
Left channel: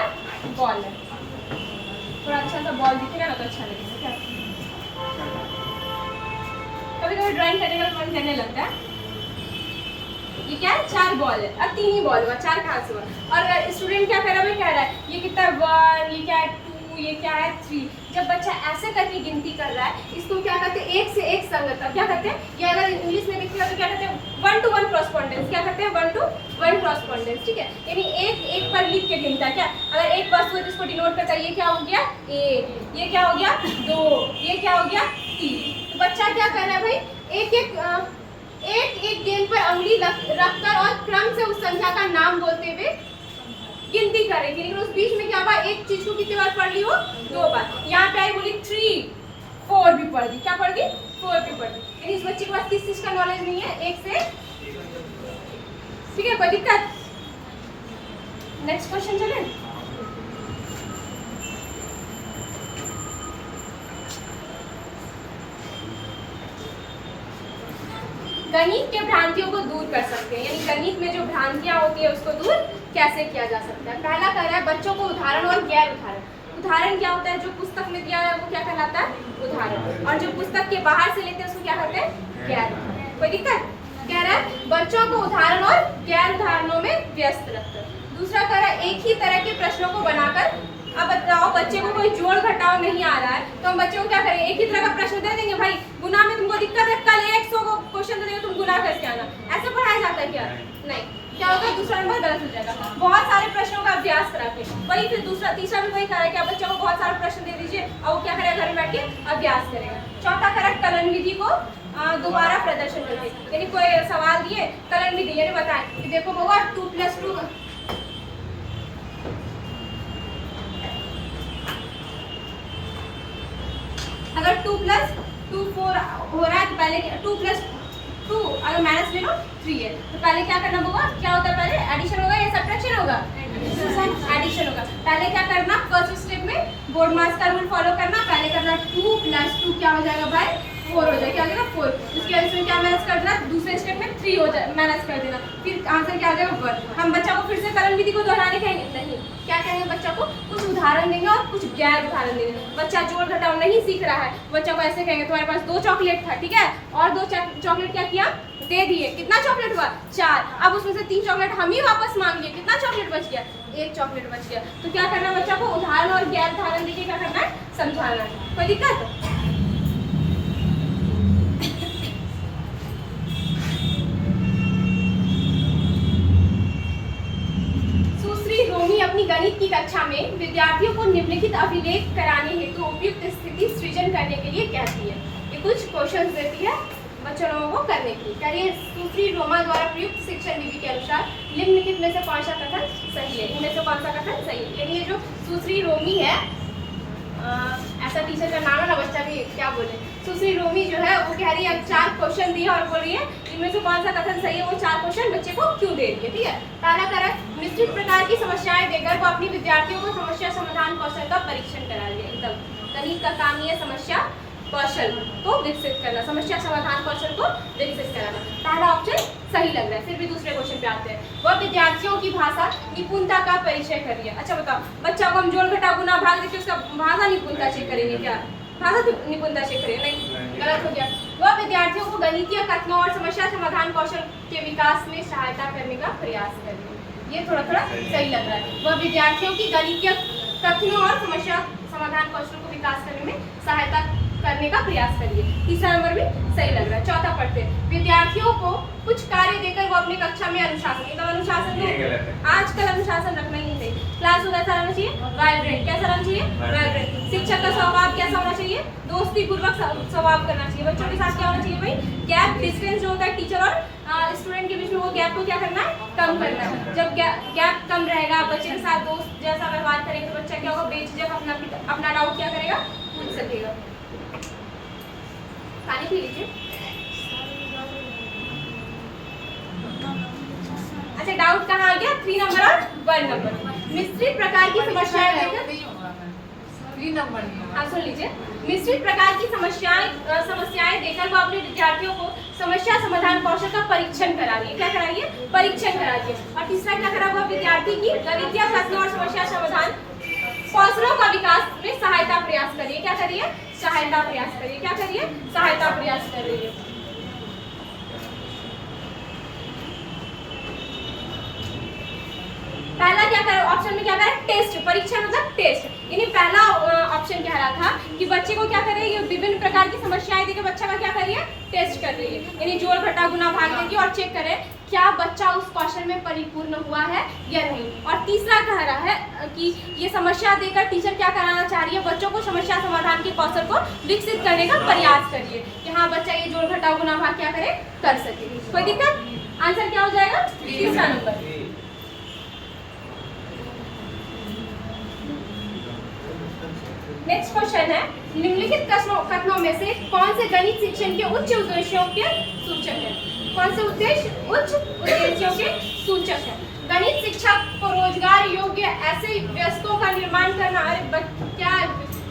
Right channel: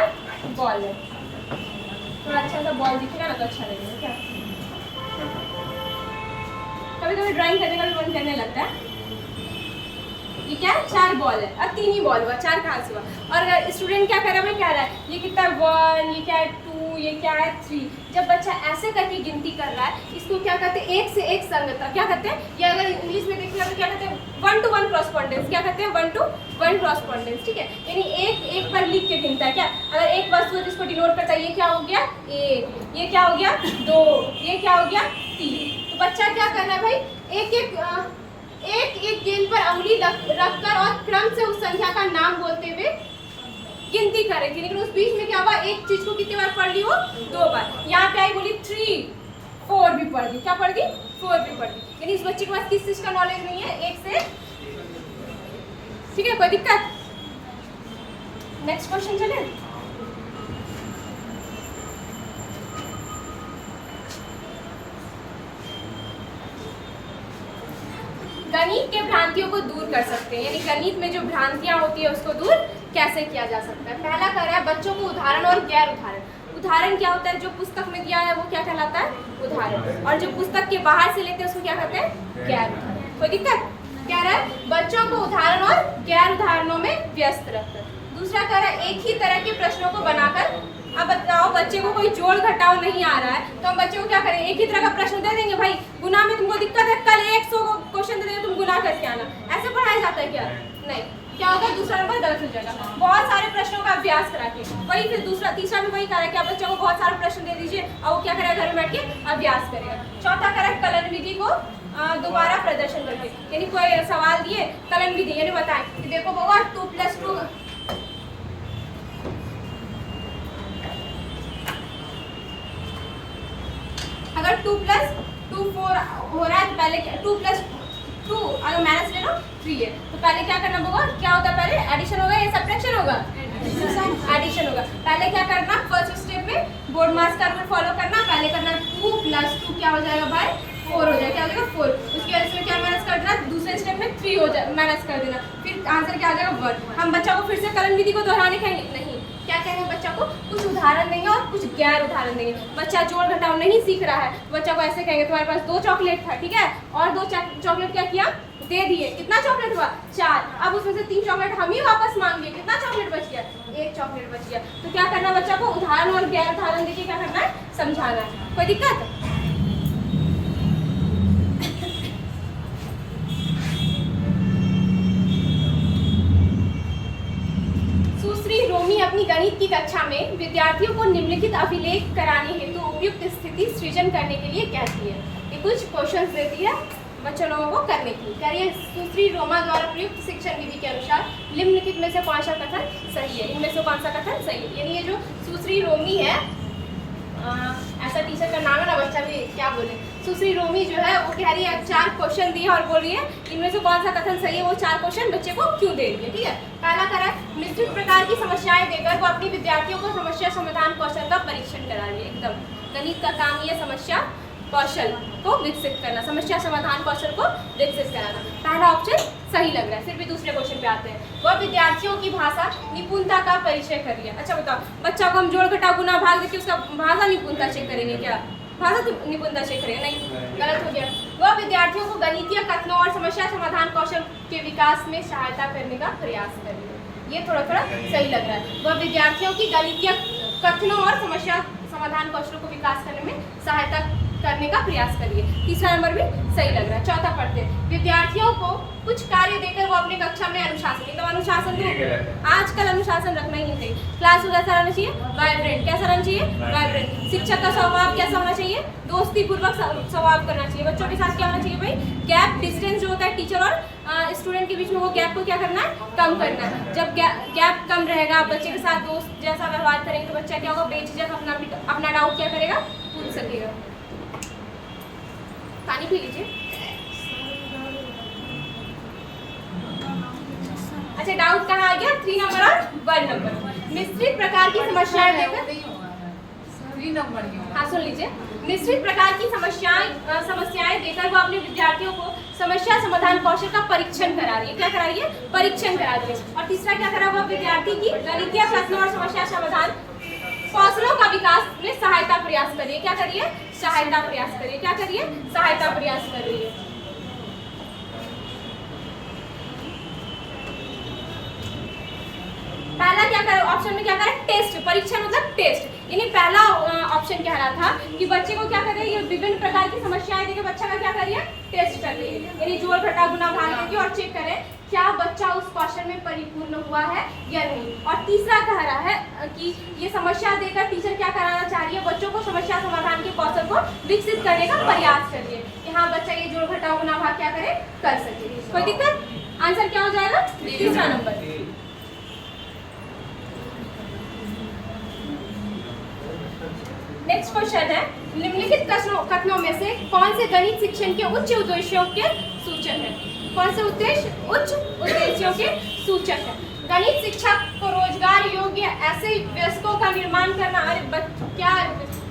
बॉल है। थोड़ा अच्छा सा बॉल दिखेगा ना तो अच्छा लगेगा। क्या कभी कभी ड्राइंग करने का मन करने लगता है। ये क्या है, 4 बॉल है और 3 ही बॉल हुआ, 4 कहाँ से हुआ। और स्टूडेंट क्या कर रहा है, कह रहा है ये कितना 1, ये क्या है 2, ये क्या है 3। जब बच्चा ऐसे करके गिनती कर रहा है, इसको क्या कहते हैं, एक से एक संगतता। क्या कहते हैं, या अगर इंग्लिश में देखिएगा तो क्या कहते हैं, 1 to 1 क्रॉसपॉन्डेंस। क्या कहते हैं, 1 to 1 क्रॉसपॉन्डेंस। ठीक है, यानी एक एक पर लिख के गिनता है। क्या, अगर एक वस्तु है जिसको डिनोट करता है, ये क्या हो गया 1, ये क्या हो गया 2, ये क्या हो गया 3। तो बच्चा क्या कर रहा है भाई, एक गेंद पर अंगुली रखकर और क्रम से उस संख्या का नाम बोलते हुए गिनती करेगी। लेकिन उस बीच में क्या हुआ, एक चीज को कितनी बार पढ़ ली हो, 2 बार। यहाँ पे आई बोली 3, 4 भी पढ़ दी। क्या पढ़ दी, 4 भी पढ़ दी। यानी इस बच्चे के पास किस चीज का नॉलेज नहीं है, एक से। ठीक है, कोई दिक्कत। नेक्स्ट क्वेश्चन चले। गणित के भ्रांतियों को दूर कर सकते हैं, यानी गणित में जो भ्रांतियां होती है उसको दूर कैसे किया जा सकता है। पहला कर रहा है बच्चों को उदाहरण और गैर उदाहरण। उदाहरण क्या होता है, जो पुस्तक में दिया है वो क्या कहलाता है, उदाहरण। और जो पुस्तक के बाहर से लेते हैं उसको क्या कहते हैं, गैर उदाहरण। कोई दिक्कत। कह रहा है बच्चों को उदाहरण और गैर उदाहरणों में व्यस्त रखते। दूसरा कह रहा है एक ही तरह के प्रश्नों को बनाकर, अब बताओ बच्चे को कोई जोड़ घटाव नहीं आ रहा है तो हम बच्चे को क्या करें, एक ही तरह का प्रश्न दे देंगे। भाई गुना में तुमको दिक्कत है, कल 100 क्वेश्चन दे देंगे, तुम गुना करके आना। ऐसे पढ़ाया जाता है क्या, नहीं। क्या होगा, दूसरा नंबर गलत हो जाएगा। बहुत सारे प्रश्नों का अभ्यास करा के वही, फिर तीसरा भी वही कह रहा है कि आप बच्चों को बहुत सारे प्रश्न दे दीजिए और वो क्या करेगा, घर में बैठ के अभ्यास करेगा। चौथा करा कलन विधि को दोबारा प्रदर्शन करके, यानी कोई सवाल दिए कलन विधि यानी बताएं कि देखो बाबा 2 + 2 अगर 2 + 2 4 हो रहा है तो पहले 2 + 2, अगर माइनस ले लो 3 है। तो पहले क्या करना होगा, क्या होता है पहले एडिशन होगा या सब्ट्रैक्शन होगा? एडिशन होगा। पहले क्या करना, फर्स्ट स्टेप में बोर्ड मास का रूल फॉलो करना, पहले करना 2 + 2 क्या हो जाएगा भाई 4 हो जाएगा, क्या हो जाएगा 4। उसके बाद इसमें क्या माइनस कर देना, दूसरे स्टेप में 3 हो जाए माइनस कर देना, फिर आंसर क्या आ जाएगा 1। हम बच्चा को फिर से कलन विधि को दोहराने कहेंगे नहीं, क्या कहेंगे बच्चा को कुछ उदाहरण देंगे और कुछ गैर उदाहरण देंगे। बच्चा जोड़ घटाव नहीं सीख रहा है, बच्चा को ऐसे कहेंगे तुम्हारे पास 2 चॉकलेट था, ठीक है, और 2 चॉकलेट क्या किया दे दिए, कितना चॉकलेट हुआ 4। अब उसमें से 3 चॉकलेट हम ही वापस मांगे, कितना चॉकलेट बच गया 1 चॉकलेट बच गया। तो क्या करना बच्चा को उदाहरण और गैर उदाहरण देके क्या करना है, समझाना है। कोई दिक्कत? सुश्री रोमी अपनी गणित की कक्षा में विद्यार्थियों को निम्नलिखित अभिलेख कराने हेतु उपयुक्त स्थिति सृजन करने के लिए कहती है। ये कुछ क्वेश्चंस देती है बच्चों लोगों को करने की। करिए सुश्री रोमा द्वारा प्रयुक्त शिक्षण विधि के अनुसार निम्नलिखित में से कौन सा कथन सही है? इनमें से कौन सा कथन सही है? यानी ये जो सुश्री रोमी है, ऐसा टीचर का नाम है ना, बच्चा भी क्या बोले, सुश्री रोमी जो है वो कह रही है 4 क्वेश्चन दिए और बोल रही है इनमें से कौन सा कथन सही है, वो 4 क्वेश्चन बच्चे को क्यों दे रही है। ठीक है, पहला करा मिश्रित प्रकार की समस्याएं देकर वो अपनी विद्यार्थियों को समस्या समाधान कौशल का परीक्षण करा रही है। एकदम गणित का काम ही है समस्या कौशल को विकसित करना, समस्या समाधान कौशल को विकसित कराना। पहला ऑप्शन सही लग रहा है। फिर भी दूसरे क्वेश्चन पे आते हैं। वह विद्यार्थियों की भाषा निपुणता का परिचय कर रही है। अच्छा बताओ, बच्चा को हम जोड़ घटाव गुना भाग देखिए, उसका भाषा निपुणता चेक करेंगे क्या? भाषा निपुणता चेक करेंगे? नहीं, गलत हो गया। वह विद्यार्थियों को गणितीय कथनों और समस्या समाधान कौशल के विकास में सहायता करने का प्रयास कर रही है। ये थोड़ा थोड़ा सही लग रहा है। वह विद्यार्थियों की गणितीय कथनों और समस्या समाधान कौशल को विकास करने में सहायता करने का प्रयास करिए। तीसरा नंबर भी सही लग रहा है। चौथा पढ़ते हैं। विद्यार्थियों को कुछ कार्य देकर वो अपने कक्षा में अनुशासन, एकदम अनुशासन है, आजकल अनुशासन रखना ही नहीं चाहिए। क्लास कैसा रहना चाहिए? वाइब्रेंट। कैसा रहना चाहिए? वाइब्रेंट। शिक्षक का स्वभाव कैसा होना चाहिए? दोस्ती पूर्वक स्वभाव करना चाहिए। बच्चों के साथ क्या होना चाहिए भाई? गैप डिस्टेंस जो होता है टीचर और स्टूडेंट के बीच में, वो गैप को क्या करना है? कम करना है। जब गैप कम रहेगा, बच्चे के साथ दोस्त जैसा व्यवहार करेंगे तो बच्चा क्या होगा? बेझिझक अपना डाउट क्या करेगा? पूछ सकेगा। पानी पी लीजिए। अच्छा, डाउट कहाँ आ गया? 3 नंबर और 1 नंबर। मिश्रित प्रकार की समस्याएं देकर 3 नंबर। हाँ सुन लीजिए। मिश्रित प्रकार की समस्याएं देकर वो अपने विद्यार्थियों को समस्या समाधान कौशल का परीक्षण करा रही है। क्या करा रही है? परीक्षण करा रही है। और तीसरा क्या करा हुआ? विद्यार्थी की गणितीय कथनों और समस्या समाधान कौशलों का विकास में सहायता प्रयास करिए। क्या करिए? सहायता प्रयास करिए। क्या करिए? सहायता प्रयास करिए। पहला क्या करें? ऑप्शन में क्या करें? टेस्ट। परीक्षण मतलब टेस्ट। यानी पहला ऑप्शन क्या रहा था कि बच्चे को क्या करे? ये विभिन्न प्रकार की समस्याएं देके बच्चा का क्या करिए? टेस्ट कर रही है। यानी जोड़ घटाव गुना भाग देके और चेक करें क्या बच्चा उस कौशल में परिपूर्ण हुआ है या नहीं। और तीसरा कह रहा है कि ये समस्या देकर टीचर क्या कराना चाह रही है? बच्चों को समस्या समाधान के कौशल को विकसित करने का प्रयास करिए कि हाँ बच्चा ये जोड़ घटाव गुना भाग क्या करे? कर सके। कोई दिक्कत? आंसर क्या हो जाएगा? तीसरा नंबर। नेक्स्ट क्वेश्चन है, निम्नलिखित कथनों में से कौन से गणित शिक्षण के उच्च उद्देश्यों के सूचक है? कौन से उद्देश्य उच्च उद्देश्यों के सूचक है? गणित शिक्षक को रोजगार योग्य ऐसे वयस्कों का निर्माण करना, अरे क्या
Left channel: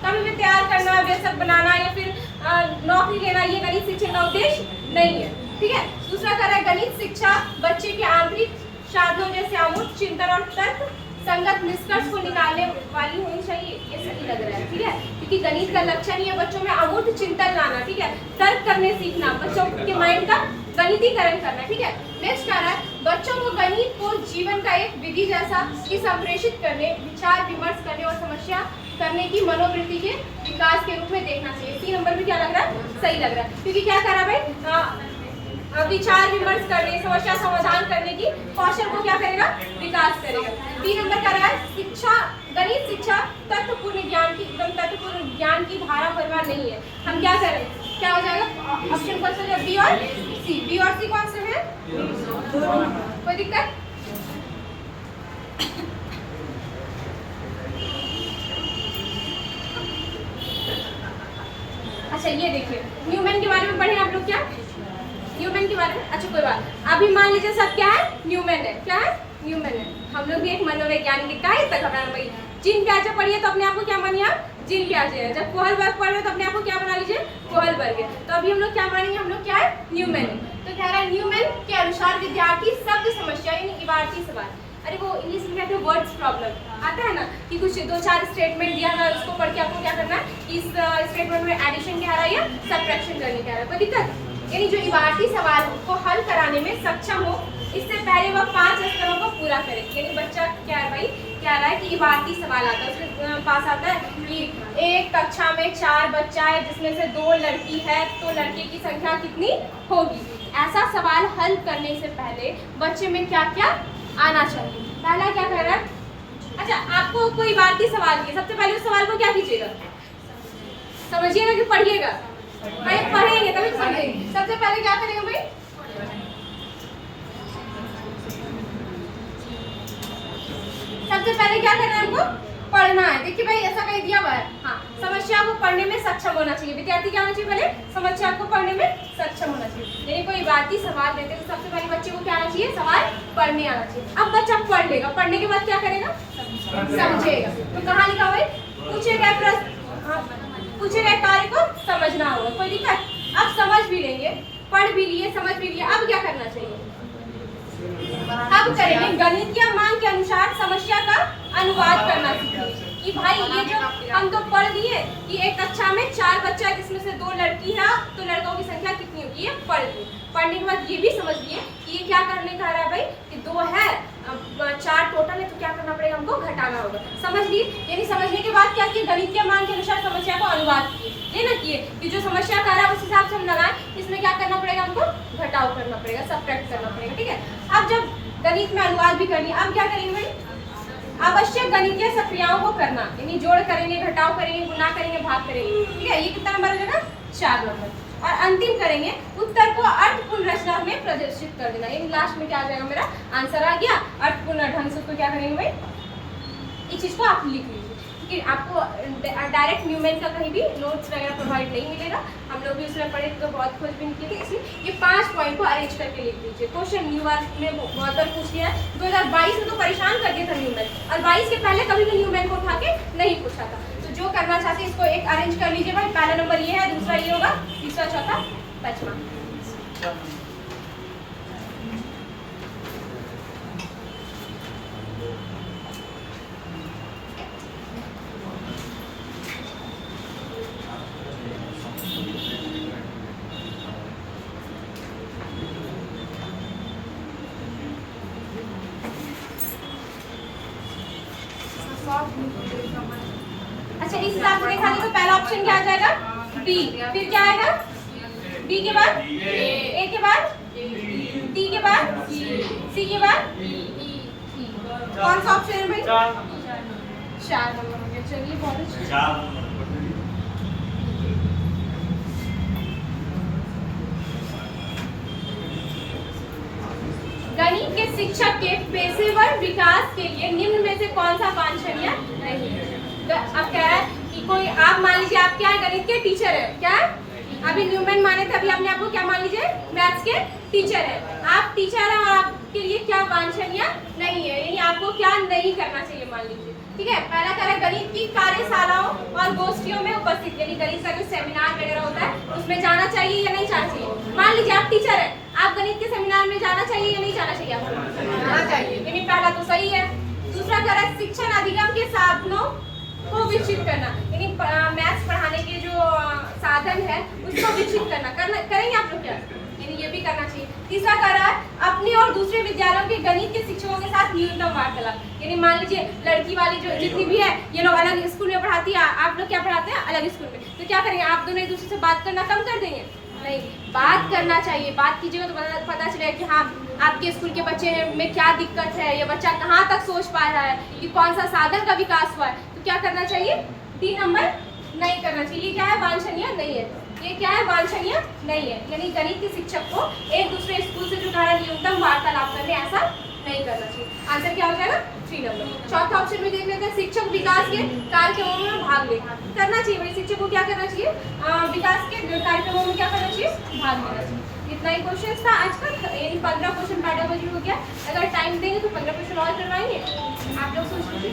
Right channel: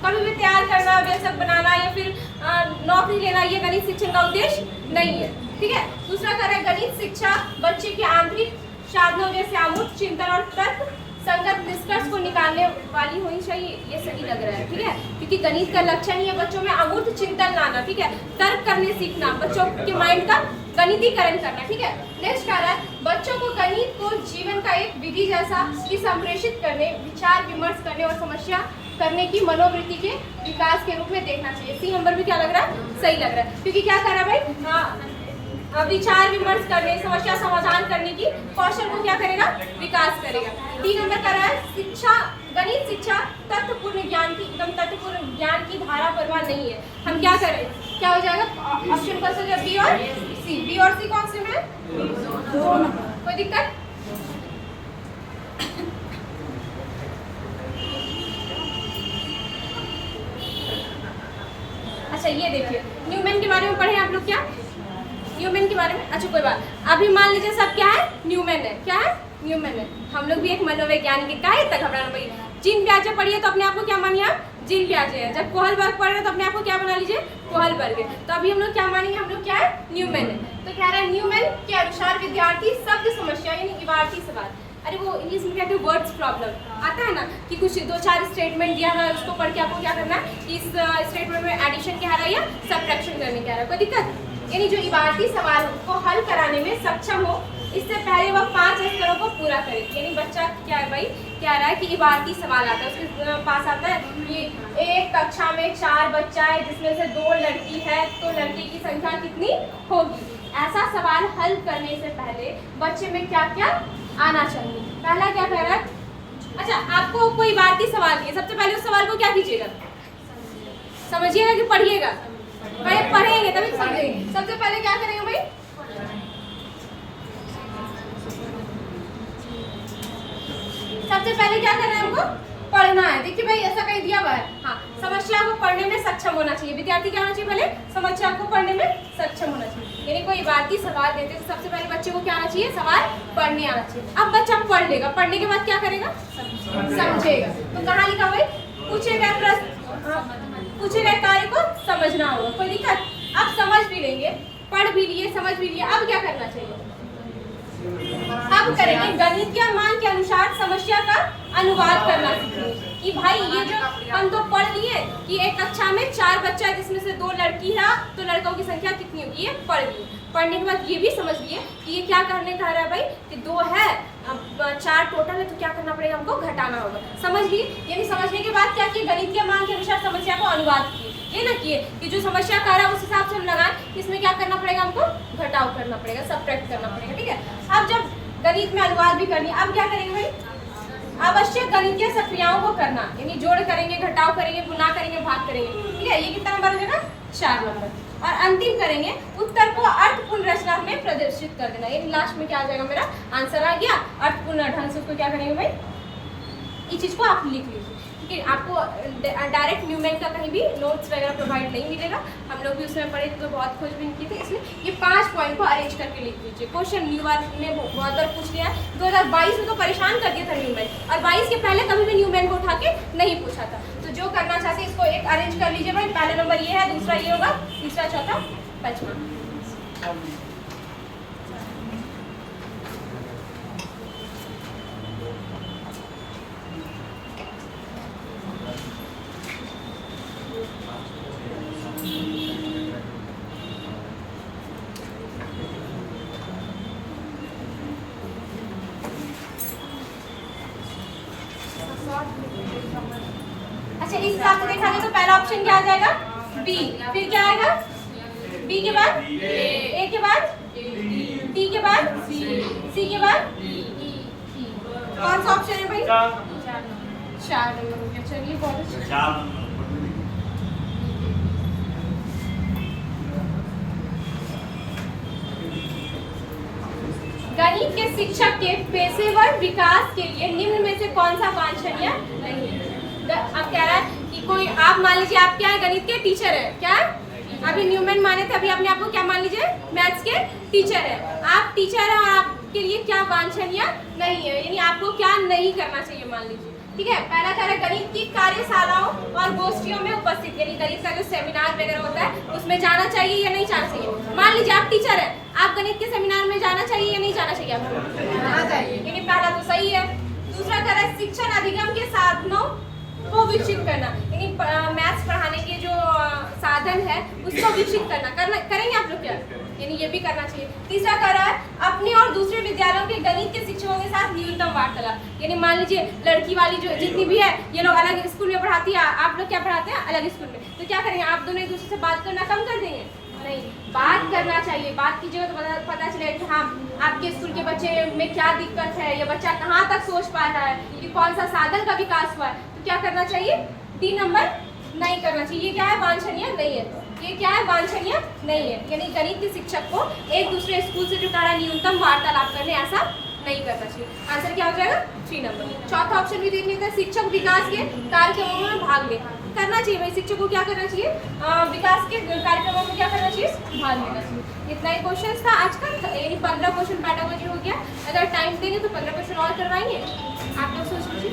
कभी भी तैयार करना, वयस्क बनाना या फिर नौकरी लेना, ये गणित शिक्षण का उद्देश्य नहीं है। ठीक है। दूसरा कह रहा है गणित शिक्षा बच्चे के आंतरिक साधनों जैसे अमूर्त चिंतन और तर्क संगत निष्कर्ष को निकालने वाली होनी चाहिए। ये सही लग रहा है। ठीक है, क्योंकि गणित का लक्ष्य नहीं है बच्चों में अमूर्त चिंतन लाना। ठीक है, तर्क करने सीखना, बच्चों के माइंड का गणितीकरण करना। ठीक है। नेक्स्ट कह रहा है बच्चों को गणित को जीवन का एक विधि जैसा कि संप्रेषित करने, विचार विमर्श करने और समस्या करने की मनोवृत्ति के विकास के रूप में देखना चाहिए। 3 नंबर भी क्या लग रहा है? सही लग रहा है। क्योंकि क्या कर रहा है भाई? विचार विमर्श करने, समस्या समाधान करने की कौशल को क्या करेगा? विकास करेगा। 3 नंबर का रहा है शिक्षा, गणित शिक्षा तत्वपूर्ण ज्ञान की, एकदम तत्वपूर्ण ज्ञान की धारा प्रवाह नहीं है। हम क्या करें? क्या हो जाएगा? ऑप्शन कौन सा? बी और सी। बी और सी कौन से हैं? कोई दिक्कत? अच्छा ये देखिए, न्यूमैन के बारे में पढ़े आप लोग क्या? न्यूमैन के बारे में, अच्छा कोई बात, अभी मान लीजिए सब क्या है, न्यूमैन है, क्या है, न्यूमैन है। हम लोग भी एक मनोवैज्ञानिक का है, तक घबराना भाई। जीन पियाजे पढ़िए तो अपने आप को क्या मानिए आप, जीन पियाजे है। जब कोहलबर्ग पढ़ रहे हो तो अपने आप को क्या बना लीजिए, कोहलबर्ग है। तो अभी हम लोग क्या मानेंगे, हम लोग क्या है, न्यूमैन है। तो कह रहा है न्यूमैन के अनुसार विद्यार्थी शब्द समस्या यानी इबारती सवाल, अरे वो इंग्लिश में कहते हैं वर्ड्स प्रॉब्लम आता है ना, कि कुछ 2-4 स्टेटमेंट दिया है, उसको पढ़ के आपको क्या करना है, इस स्टेटमेंट में एडिशन क्या आ रहा है या सब्ट्रैक्शन करने क्या आ रहा है, कोई दिक्कत। यानी जो इबारती सवाल को हल कराने में सक्षम हो, इससे पहले वह 5 स्तरों को पूरा करे। यानी बच्चा क्या है भाई, कह रहा है कि इबारती सवाल आता है, उसके पास आता है कि एक कक्षा में 4 बच्चा है जिसमें से 2 लड़की है, तो लड़के की संख्या कितनी होगी। ऐसा सवाल हल करने से पहले बच्चे में क्या क्या आना चाहिए। पहला क्या कह रहा है, अच्छा आपको कोई इबारती सवाल दिए, सबसे पहले उस सवाल को क्या कीजिएगा, समझिएगा कि पढ़िएगा, पढ़ेंगे तभी तो समझेंगे। सबसे पहले क्या करेंगे भाई, सबसे पहले क्या करना है हमको, पढ़ना है। देखिए भाई ऐसा कहीं दिया हुआ है, हाँ समस्या को पढ़ने में सक्षम होना चाहिए। विद्यार्थी क्या होना चाहिए, पहले समस्या को पढ़ने में सक्षम होना चाहिए। यानी कोई इबारती सवाल देते तो सबसे पहले बच्चे को क्या आना चाहिए, सवाल पढ़ने आना चाहिए। अब बच्चा पढ़ लेगा, पढ़ने के बाद क्या करेगा, समझेगा। तो कहाँ लिखा भाई, पूछे गए प्रश्न, पूछे गए कार्य को समझना होगा, कोई दिक्कत। अब समझ भी लेंगे, पढ़ भी लिए, समझ भी लिए, अब क्या करना चाहिए, अब करेंगे गणितीय मान के अनुसार समस्या का अनुवाद करना सीखेंगे। कि भाई ये जो हम तो पढ़ लिए कि एक कक्षा में 4 बच्चा है जिसमें से 2 लड़की है, तो लड़कों की संख्या कितनी होगी, ये पढ़ लिए। पढ़ने के बाद ये भी समझ लिए कि ये क्या करने का रहा है भाई, कि 2 है, 4 टोटल है, तो क्या करना पड़ेगा, हमको घटाना होगा। समझ लिए, यानी समझने के बाद क्या किए, गणितीय मान के अनुसार समस्या को अनुवाद किए। ये ना किए कि जो समस्या कर रहा है उस हिसाब से हम लगाएं, इसमें क्या करना पड़ेगा, हमको घटाव करना पड़ेगा, सब्ट्रैक्ट करना पड़ेगा, ठीक है। अब जब गणित में अनुवाद भी कर लिया, अब क्या करेंगे भाई, आवश्यक गणितीय सक्रियाओं को करना, यानी जोड़ करेंगे, घटाव करेंगे, गुणा करेंगे, भाग करेंगे, ठीक है। ये कितना नंबर हो जाएगा, 4 नंबर। और अंतिम करेंगे उत्तर को अर्थपूर्ण रचना में प्रदर्शित कर देना। यानी लास्ट में क्या आ जाएगा, मेरा आंसर आ गया अर्थपूर्ण ढंग से। उसको क्या करेंगे भाई, इस चीज को आप लिख लीजिए, क्योंकि आपको डायरेक्ट न्यूमैन का कहीं भी नोट्स वगैरह प्रोवाइड नहीं मिलेगा। हम लोग भी उसमें पढ़े तो बहुत खोजबीन की थी, इसलिए ये 5 पॉइंट को अरेंज करके लिख लीजिए। क्वेश्चन न्यूमैन में बहुत बार पूछ लिया है, 2022 में तो परेशान कर दिया था न्यूमैन, और 22 के पहले कभी भी न्यूमैन को उठा के नहीं पूछा था। तो जो करना चाहते हैं इसको एक अरेंज कर लीजिए भाई। पहला नंबर ये है, दूसरा ये होगा, तीसरा, चौथा, पांचवा। अच्छा इस हिसाब से देखा जाए तो पहला ऑप्शन क्या आ जाएगा, बी। फिर क्या आएगा, बी के बाद ए के बाद डी के बाद सी के बाद कौन सा ऑप्शन है भाई, 4 नंबर हो गया। चलिए बहुत अच्छा। गणित के शिक्षक के पेशेवर विकास के लिए निम्न में से कौन सा वांछनीय नहीं है। अब कह रहा है कि कोई, आप मान लीजिए आप क्या है, गणित के टीचर है, क्या अभी न्यूमैन माने थे, अभी अपने आप को क्या मान लीजिए, मैथ्स के टीचर है। आप टीचर हैं और आपके लिए क्या वांछनीय नहीं है, यानी आपको क्या नहीं करना चाहिए, मान लीजिए, ठीक है। पहला कह रहा है गणित की कार्यशालाओं और गोष्ठियों में उपस्थित, यानी गणित का जो सेमिनार वगैरह होता है उसमें जाना चाहिए या नहीं जाना चाहिए। मान लीजिए आप टीचर है, आप गणित के सेमिनार में जाना चाहिए या नहीं जाना चाहिए, आपको जाना चाहिए, यानी पहला तो सही है। दूसरा कह रहा है शिक्षण अधिगम के साधनों को विकसित करना, यानी मैथ्स पढ़ाने के जो साधन है उसको विकसित करना करेंगे आप लोग क्या, यानी ये भी करना चाहिए। तीसरा कह रहा है अपने और दूसरे विद्यालयों के गणित के शिक्षकों के साथ न्यूनतम वार्तालाप, यानी मान लीजिए लड़की वाली जो जितनी भी है ये लोग अलग स्कूल में पढ़ाती है, आप लोग क्या पढ़ाते हैं अलग स्कूल में, तो क्या करेंगे आप दोनों एक दूसरे से बात करना कम कर देंगे, नहीं बात करना चाहिए। बात कीजिएगा तो पता चलेगा कि हाँ आपके स्कूल के बच्चे में क्या दिक्कत है, ये बच्चा कहाँ तक सोच पा रहा है, कि कौन सा साधन का विकास हुआ है। तो क्या करना चाहिए, 3 नंबर नहीं करना चाहिए। ये क्या है, वांछनीय नहीं है, ये क्या है, वांछनीय नहीं है, यानी गणित के शिक्षक को एक दूसरे स्कूल से जो कह रहा है न्यूनतम वार्तालाप करने, ऐसा नहीं करना चाहिए। आंसर क्या हो जाएगा, 3 नंबर। चौथा ऑप्शन भी देख लेते हैं, शिक्षक विकास के कार्यक्रमों में भाग ले करना चाहिए। भाई शिक्षक को क्या करना चाहिए, विकास के कार्यक्रमों में क्या करना चाहिए, भाग लेना चाहिए। इतना ही क्वेश्चन था आज का, यानी 15 क्वेश्चन पैडागोजी हो गया। अगर टाइम देंगे तो 15 क्वेश्चन और करवाएंगे। आप लोग सोच लीजिए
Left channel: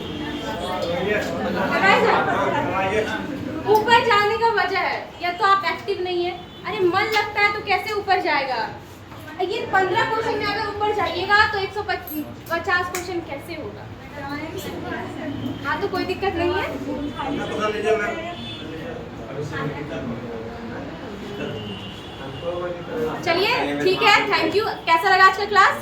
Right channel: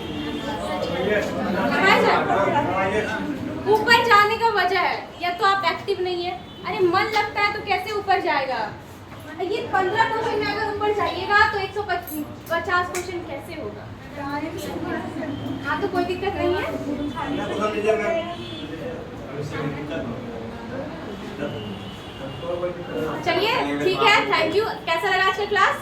ऊपर जाने का वजह है या तो आप एक्टिव नहीं है। अरे मन लगता है तो कैसे ऊपर जाएगा? ये 15 क्वेश्चन में अगर ऊपर जाइएगा तो 150 क्वेश्चन कैसे होगा? हाँ तो कोई दिक्कत नहीं है। चलिए ठीक है, थैंक यू। कैसा लगा आज का क्लास?